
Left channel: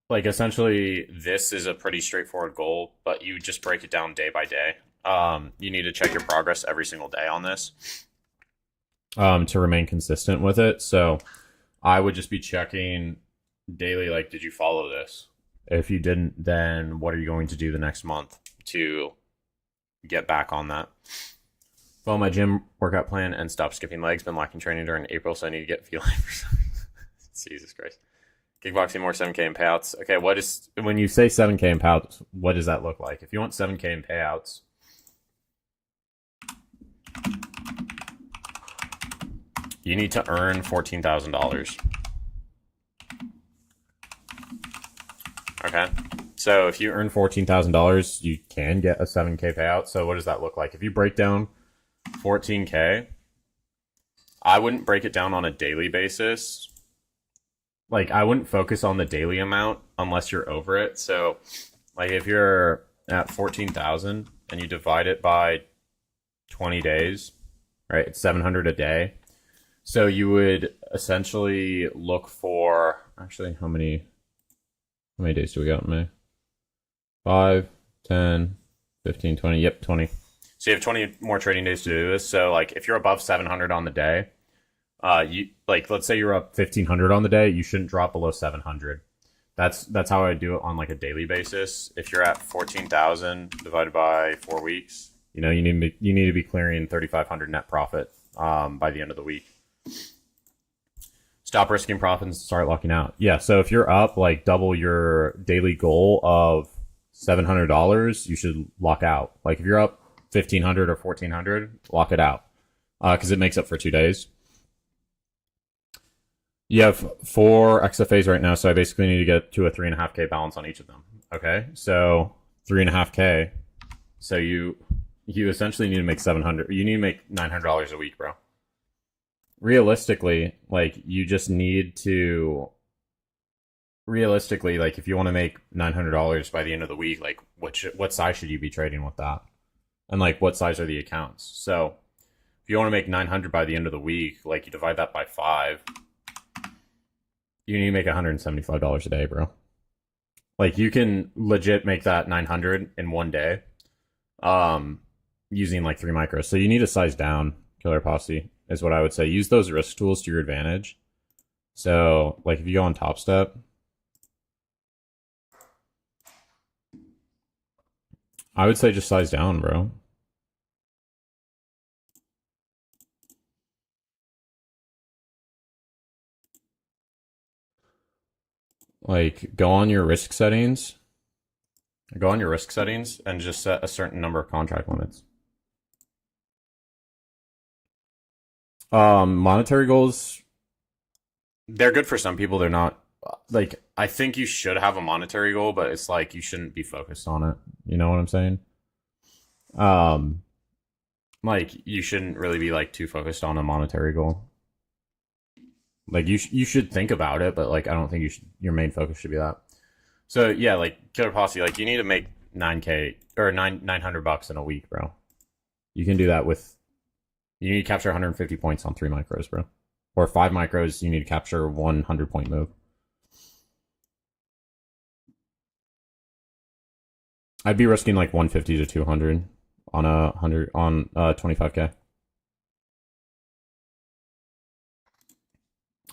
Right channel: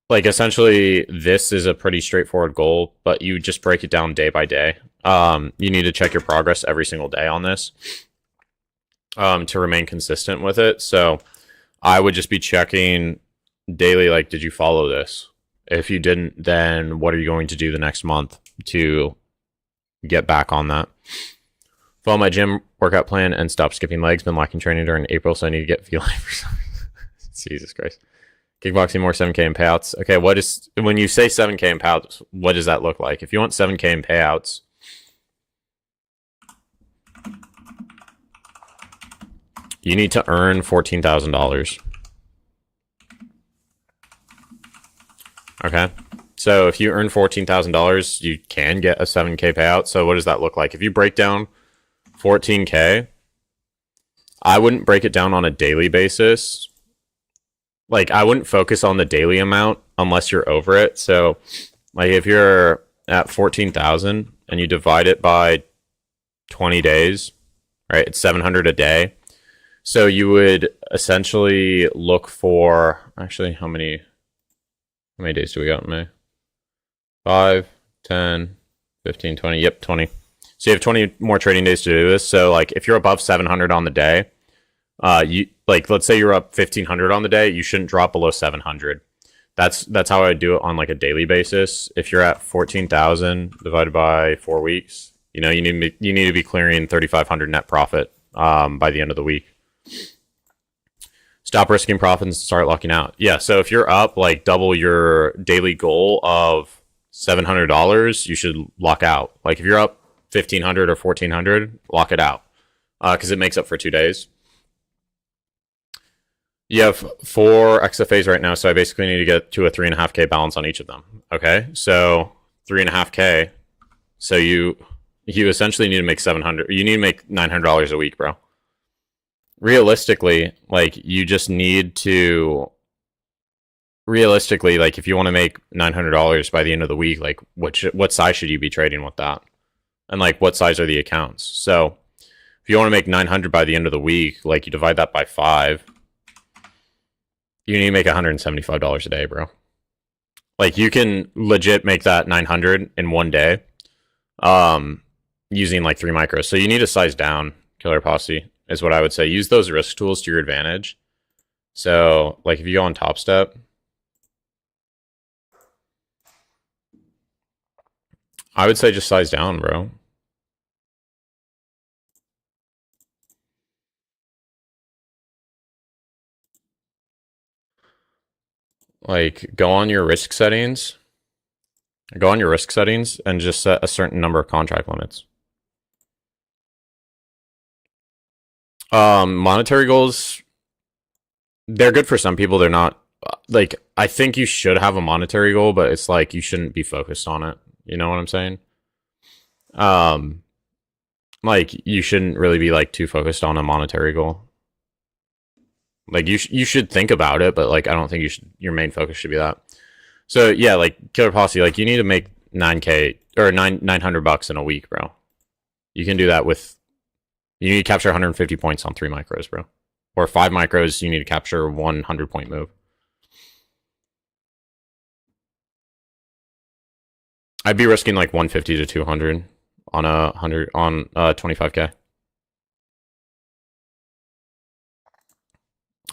like essentially this is a pretty straightforward goal, but you just break it down day by day. You need to check your progress every single day on this to remain consistent with it. So I would just be checking daily, like, did you follow this? If you didn't, then what are you going to do the next month to get back on that? Follow my gym workout plan and stop skipping legs. Been lacking training during April, so I need to get feeling for some. Jesus Christ. Kickboxing more 7K in payouts. Okay, when you say 7K in payouts, what does that look like? If you want 7K in payouts, you need to earn $14,000. Okay, so if you earn $14,000, you can get a 7K payout. So what does that look like? If you break down 14K, I wouldn't break it down on a daily basis. Like, I wouldn't focus on the daily amount unless you're over it. So, like, if you're at 14,000 and you divide it by 20 days, right, it's 700 a day. So you would essentially look for, actually, how many days do we got in May? 5, 10, 15, 20. Yep, 20. So you have 20 more trading days to do this. So, like, if you're above 700 on the day, let's say you're up 1,500 on the day, you shouldn't drop below 700. That's how I do it on like a daily basis. If you're at 14,000 divided by 4 weeks, you need to be clearing 3,500 net profit by the end of the week. Stop risking profits and start locking out. Yeah, so if you're up like double your daily goal of $700, you should lock out. Like if you're up 1,500 or 1,400, lock it out because it makes up for 2 days. You have 4 XFAs right now, so I basically need to get to a 3.5K balance on each of them. Okay, so 3.5K. So you essentially need to make 700. You need to make $900 a week, bro. Realistically, like you just need to. Realistically, like if you want to make $900 by the end of the week, like what size should you be trading with that? And like what size are the accounts? So if you want to make 900 by the end of the week, like you divide that by 5. You need to make $175 a day, bro. Like you can legit make that 900 in 1 day, using like 3 micros. So you need to size down, Killer Posse, is what I would say. Use those risk tools to your advantage. So like if you go on Top Step, I would say just size down, bro. Like go on your risk settings. Go on your risk settings and just set a certain number of contract limits. Monetary goals, they're good for some people. They're not. Like, I think you should have a monetary goal, but it's like you shouldn't be focused on it. You know what I'm saying? Um, like you shouldn't really be like too focused on a monetary goal. Like you should think about it, but like I don't think your main focus should be that. So yeah, like Killer Posse, like you need to make 9K or 900 bucks in a week, bro. You can do that with. You need to capture 150 points on 3 micros, bro. Or 5 micros, you need to capture 100-point move. I'd be risking like 150 to 200 on 25K.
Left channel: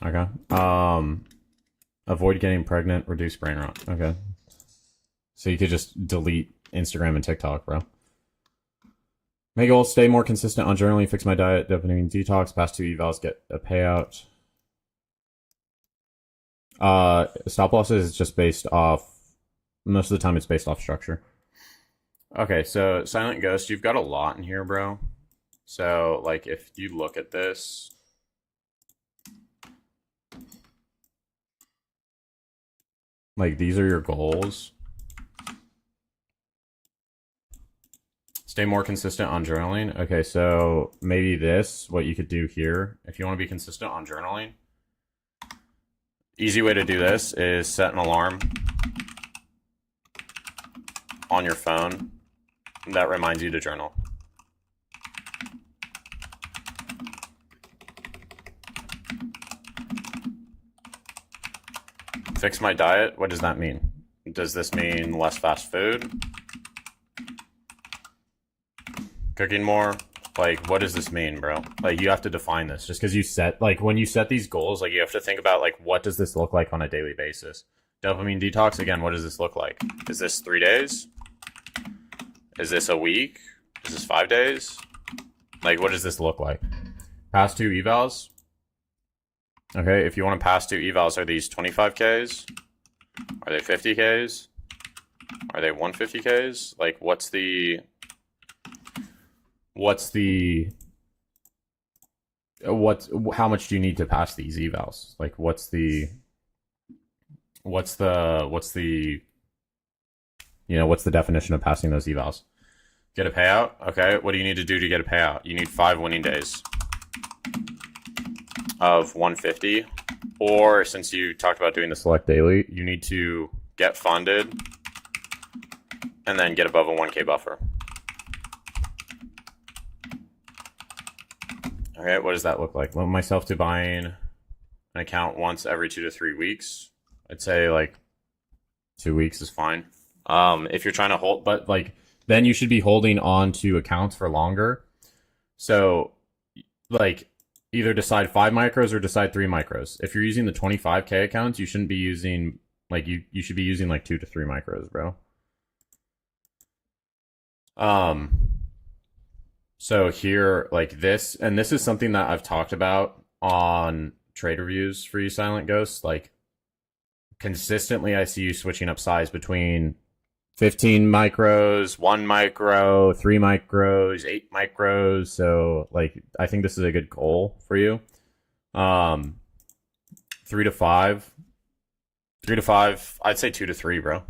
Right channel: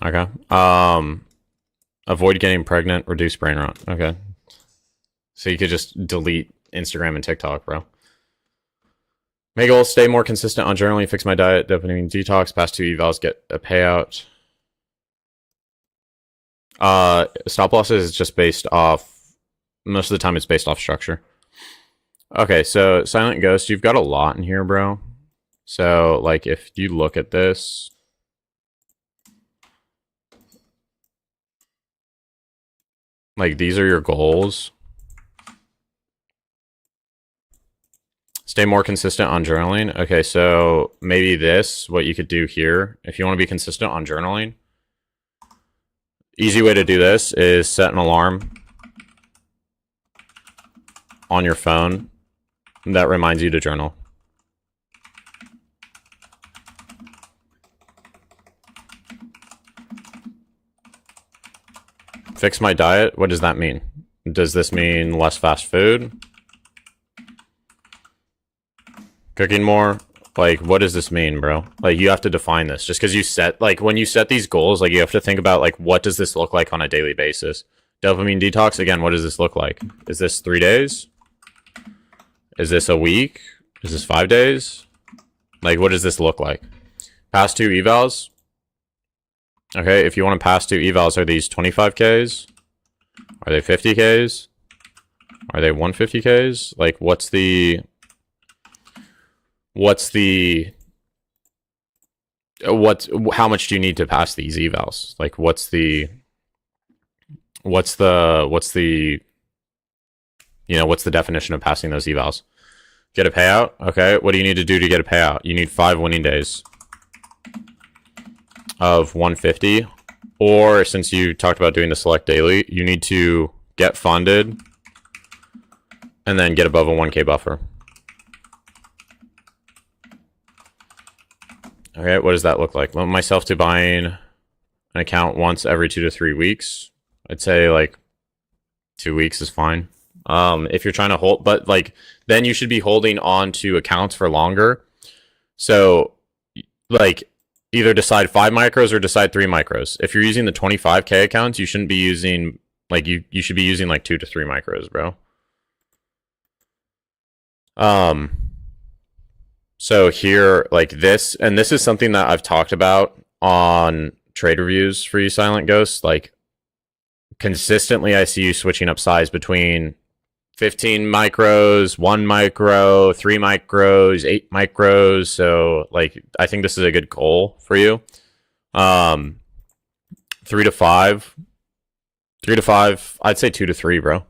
Okay. Avoid getting pregnant, reduce brain rot. Okay. So you could just delete Instagram and TikTok, bro. Make goals, stay more consistent on journaling, fix my diet, dopamine detox, pass 2 evals, get a payout. Stop losses is just based off, most of the time it's based off structure. Okay, so Silent Ghost, you've got a lot in here, bro. So, like, if you look at this, like, these are your goals. Stay more consistent on journaling. Okay, so maybe this, what you could do here, if you want to be consistent on journaling, easy way to do this is set an alarm on your phone that reminds you to journal. Fix my diet. What does that mean? Does this mean less fast food? Cooking more? Like, what does this mean, bro? Like, you have to define this. Just because you set, like, when you set these goals, like, you have to think about, like, what does this look like on a daily basis? Dopamine detox, again, what does this look like? Is this 3 days? Is this a week? Is this 5 days? Like, what does this look like? Pass 2 evals. Okay, if you want to pass 2 evals, are these 25Ks? Are they 50Ks? Are they 150Ks? Like, how much do you need to pass these evals? Like, what's the definition of passing those evals? Get a payout? Okay, what do you need to do to get a payout? You need 5 winning days of 150, or since you talked about doing the select daily, you need to get funded and then get above a 1K buffer. Okay, what does that look like? Limit myself to buying an account once every 2 to 3 weeks. I'd say like 2 weeks is fine. If you're trying to hold, but like then you should be holding on to accounts for longer. So like either decide 5 micros or decide 3 micros. If you're using the 25K accounts, you shouldn't be using like you should be using like 2 to 3 micros, bro. So here, like this, and this is something that I've talked about on trade reviews for you, Silent Ghost. Like, consistently, I see you switching up size between 15 micros, 1 micro, 3 micros, 8 micros. So, like, I think this is a good goal for you. 3 to 5. 3 to 5, I'd say 2 to 3, bro.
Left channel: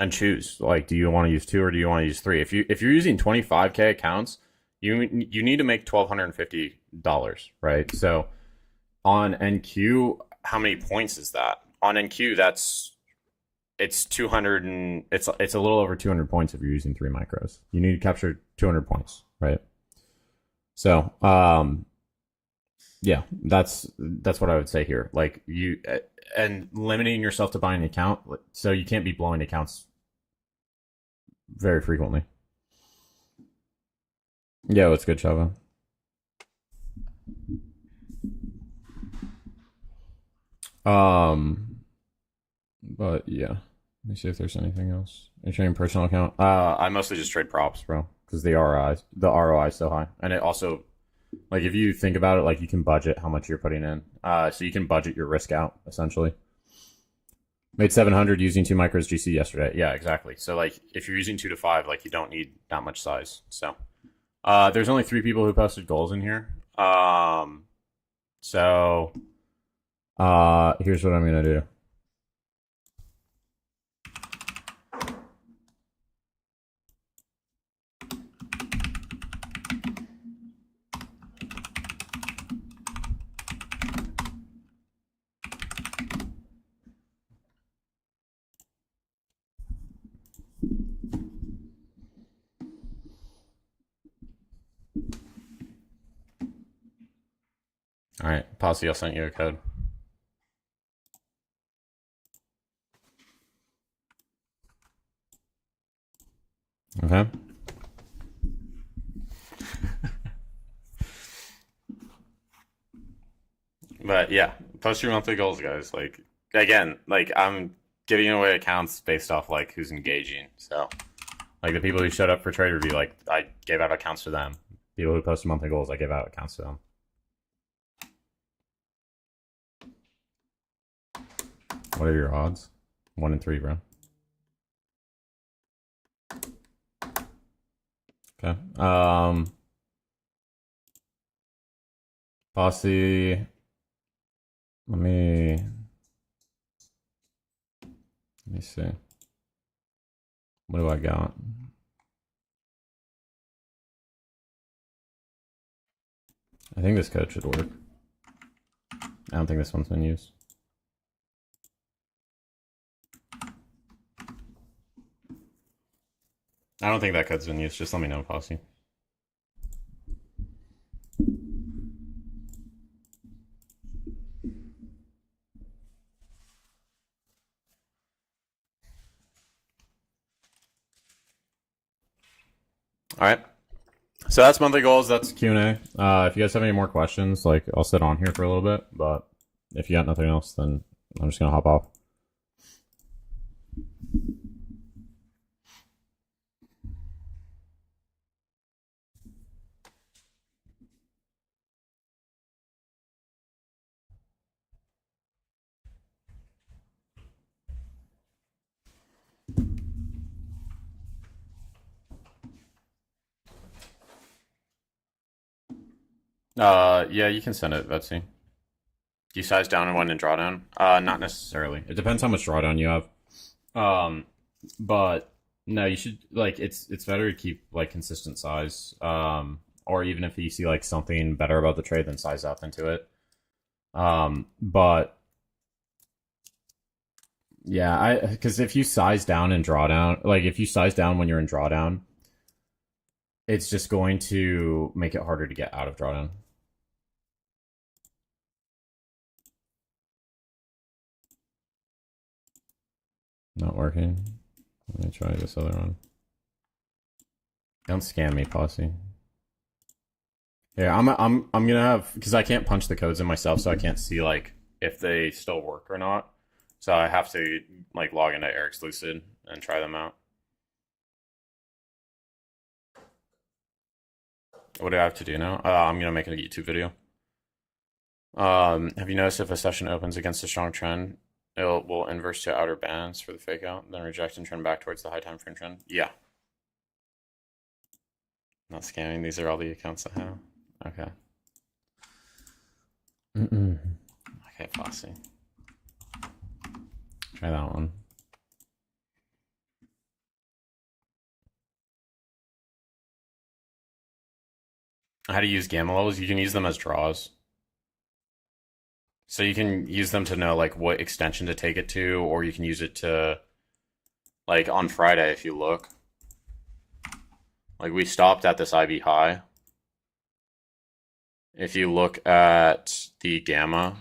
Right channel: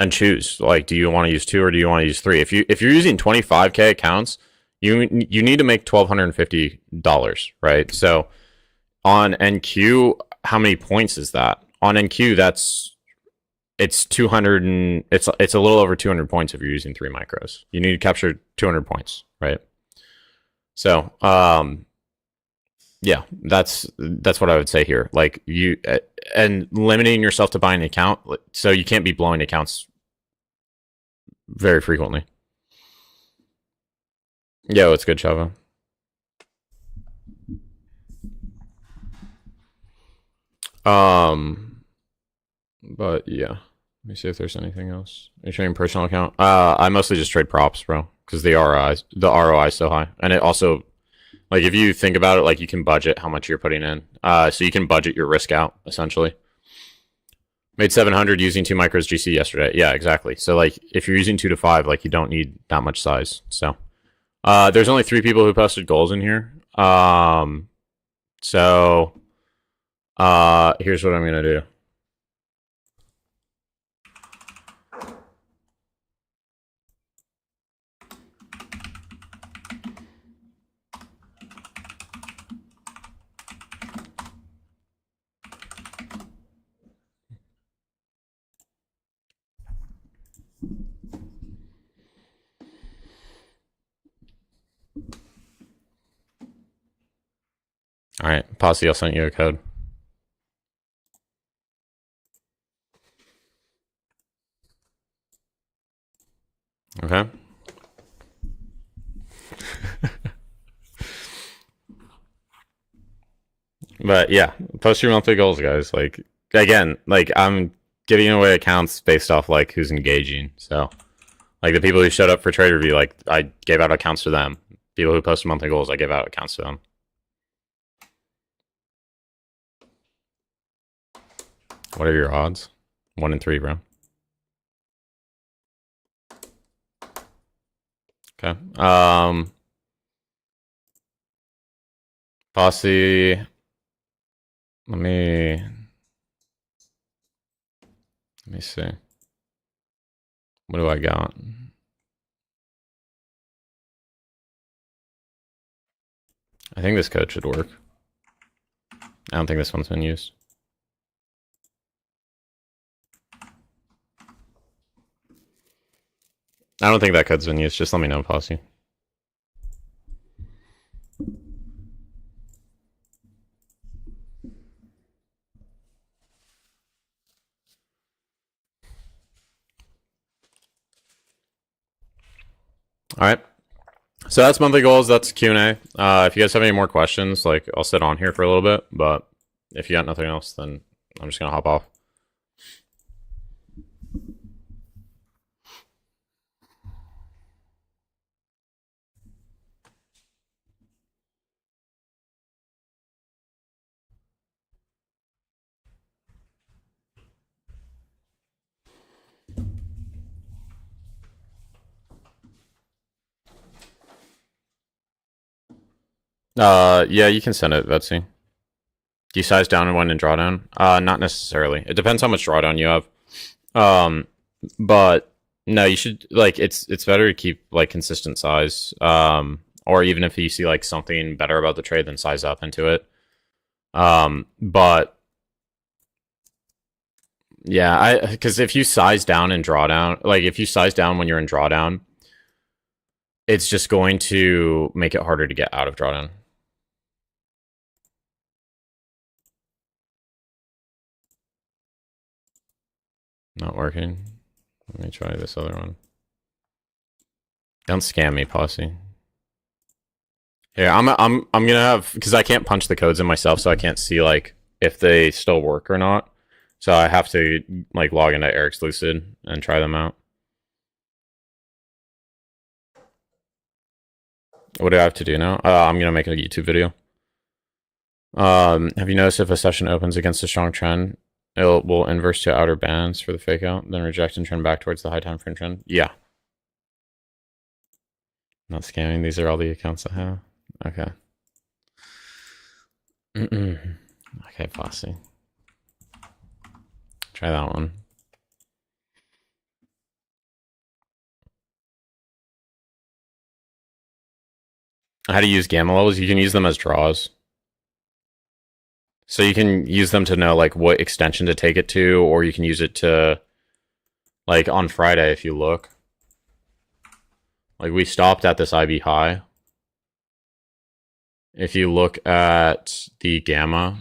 And choose, like, do you want to use 2 or do you want to use 3? If you're using 25K accounts, you need to make $1,250, right? So on NQ, how many points is that? On NQ, it's 200 and it's a little over 200 points if you're using 3 micros. You need to capture 200 points, right? So yeah, that's what I would say here. Like and limiting yourself to buying an account, so you can't be blowing accounts very frequently. Yeah, it's good, Chava. But yeah, let me see if there's anything else. Are you trading personal account? I mostly just trade props, bro, because the ROI is so high, and it also, like, if you think about it, like, you can budget how much you're putting in. So you can budget your risk out, essentially. Made 700 using 2 micros GC yesterday. Yeah, exactly. So, like, if you're using 2 to 5, like, you don't need that much size. So, there's only 3 people who posted goals in here. So, here's what I'm going to do. All right, Posse, I'll send you a code. Okay. But yeah, post your monthly goals, guys. Like, again, like, I'm giving away accounts based off like who's engaging. So Like the people who showed up for trade review, like I gave out accounts to them. People who posted monthly goals, I gave out accounts to them. What are your odds? 1 in 3, bro. Okay. Posse. Let me see. What do I got? I think this code should work. I don't think this one's been used. I don't think that code's been used. Just let me know, Posse. All right. So that's monthly goals. That's Q&A. If you guys have any more questions, like I'll sit on here for a little bit. But if you got nothing else, then I'm just gonna hop off. Yeah, you can send it, Betsy. Do you size down and when in drawdown? Not necessarily. It depends how much drawdown you have. But no, you should like it's better to keep like consistent size. Or even if you see like something better about the trade, then size up into it. But yeah, because if you size down in drawdown, like if you size down when you're in drawdown, it's just going to make it harder to get out of drawdown. Not working. Let me try this other one. Don't scam me, Posse. Here, I'm gonna have, because I can't punch the codes in myself, so I can't see like if they still work or not. So I have to like log into Eric's Lucid and try them out. What do I have to do now? I'm gonna make a YouTube video. Have you noticed if a session opens against a strong trend, it will inverse to outer bands for the fake out, then reject and trend back towards the high time frame trend? Yeah. Not scamming. These are all the accounts I have. Okay. Okay, Posse. Try that one. How to use gamma levels? You can use them as draws. So you can use them to know like what extension to take it to, or you can use it to like on Friday if you look. Like we stopped at this IB high. If you look at the gamma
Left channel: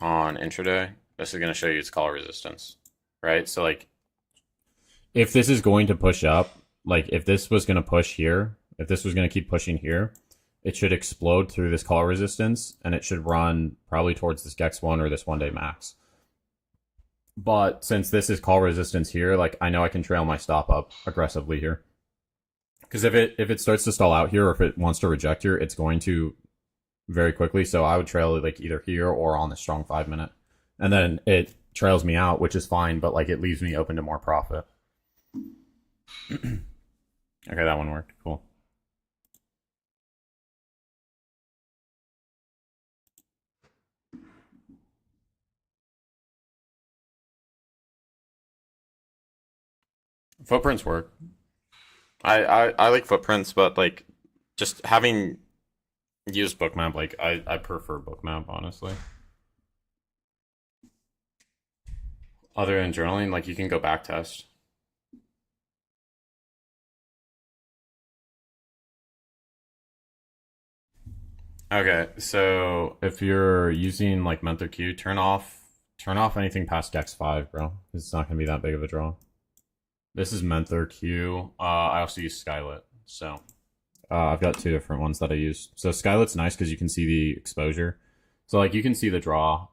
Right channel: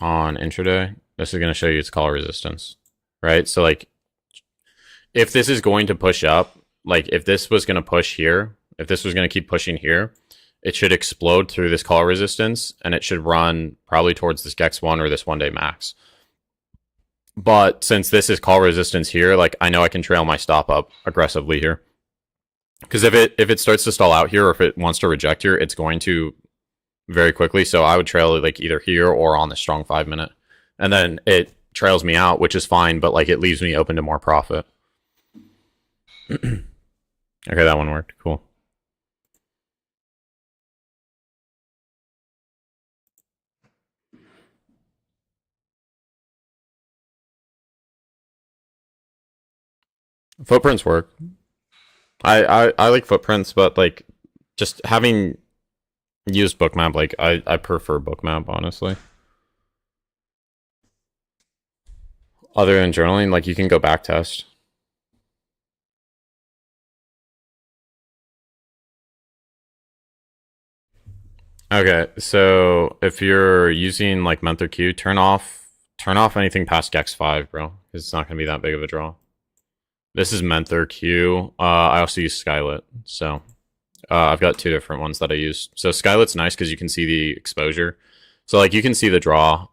on intraday, this is going to show you its call resistance, right? So like if this is going to push up, like if this was going to push here, if this was going to keep pushing here, it should explode through this call resistance and it should run probably towards this GEX1 or this 1-day max. But since this is call resistance here, like I know I can trail my stop up aggressively here. Because if it starts to stall out here, or if it wants to reject here, it's going to very quickly. So I would trail it like either here or on the strong 5-minute, and then it trails me out, which is fine, but like it leaves me open to more profit. Okay, that one worked. Cool. Footprints work. I like footprints, but like just having used bookmap, like I prefer bookmap honestly. Other than journaling, like you can go back test. Okay, so if you're using like Mentor Q, turn off anything past Gex5, bro. It's not gonna be that big of a draw. This is Mentor Q. I also use Skylit, so I've got 2 different ones that I use. So Skylit's nice because you can see the exposure. So like you can see the draw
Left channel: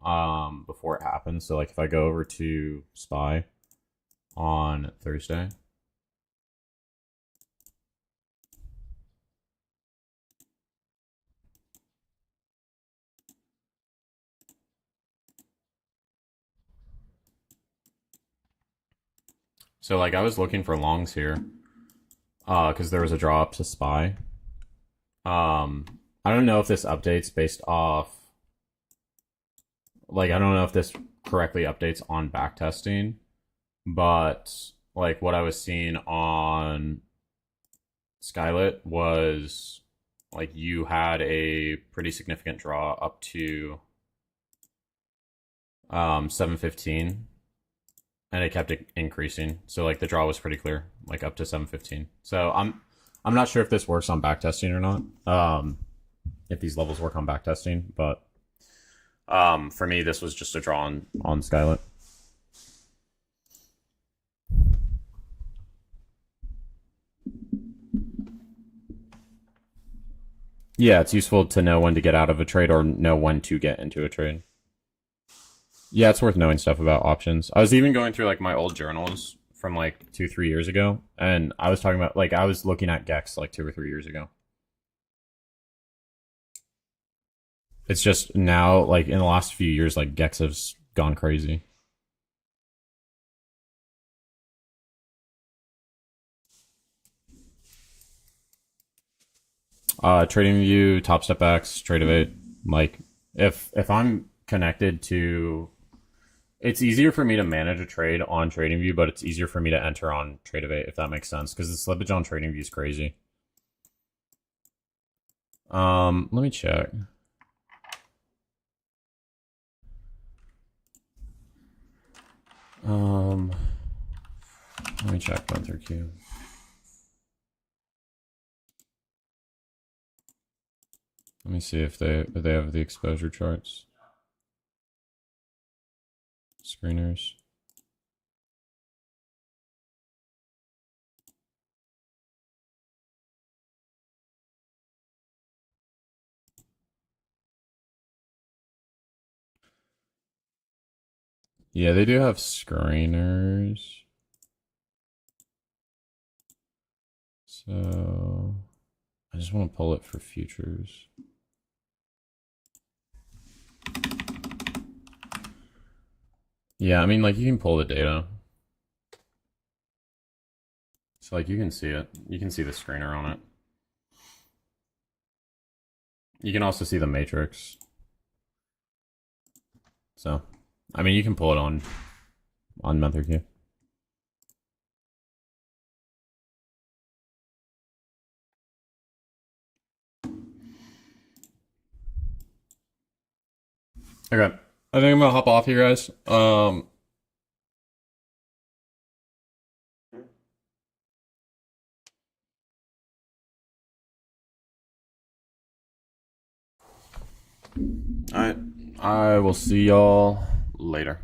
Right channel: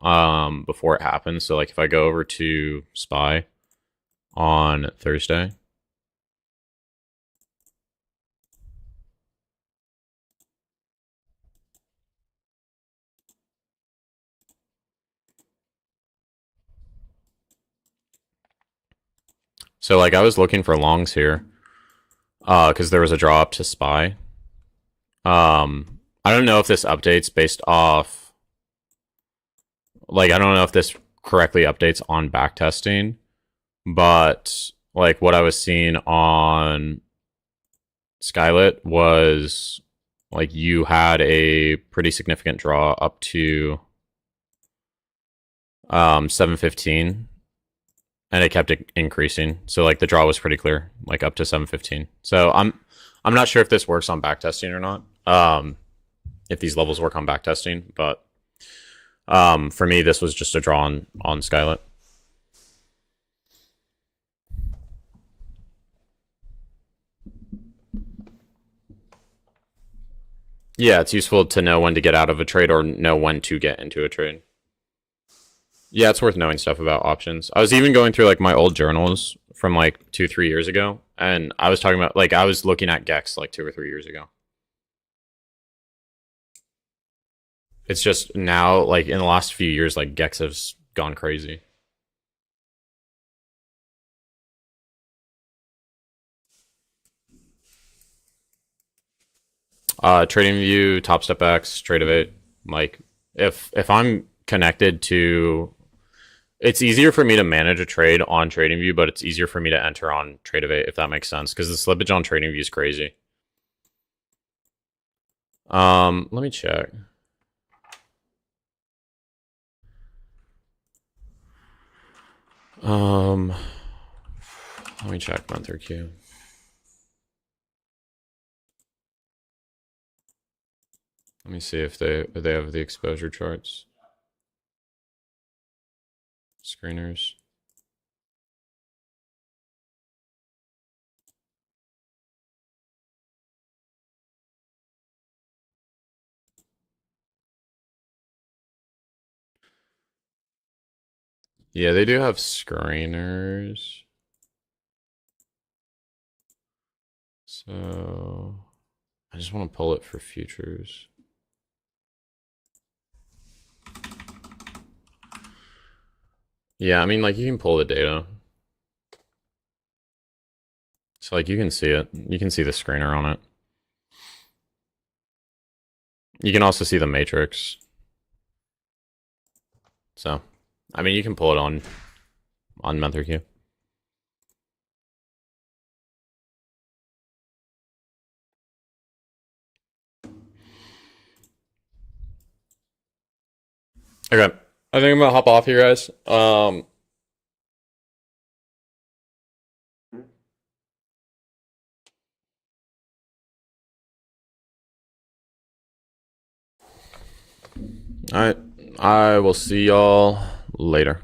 before it happens. So like if I go over to SPY on Thursday, So like I was looking for longs here, because there was a draw up to SPY. I don't know if this updates based off, like I don't know if this correctly updates on backtesting, but like what I was seeing on Skylit was like you had a pretty significant draw up to 715, and it kept increasing. So like the draw was pretty clear, like up to 715. So I'm not sure if this works on backtesting or not. If these levels work on backtesting, but for me this was just a draw on Skylit. Yeah, it's useful to know when to get out of a trade or know when to get into a trade. Yeah, it's worth knowing stuff about options. I was even going through like my old journals from like 2-3 years ago, and I was talking about like I was looking at Gex like 2 or 3 years ago. It's just now like in the last few years like Gex has gone crazy. TradingView, TopStepX, Tradeovate, like if I'm connected to, it's easier for me to manage a trade on TradingView, but it's easier for me to enter on Tradeovate, if that makes sense, because the slippage on TradingView is crazy. Let me check. Let me check month or Q. Let me see if they have the exposure charts. Screeners. Yeah, they do have screeners. So I just want to pull it for futures. Yeah, I mean, like you can pull the data. So like you can see it. You can see the screener on it. You can also see the matrix. So, I mean, you can pull it on month or Q. Okay, I think I'm gonna hop off here, guys. All right, I will see y'all later.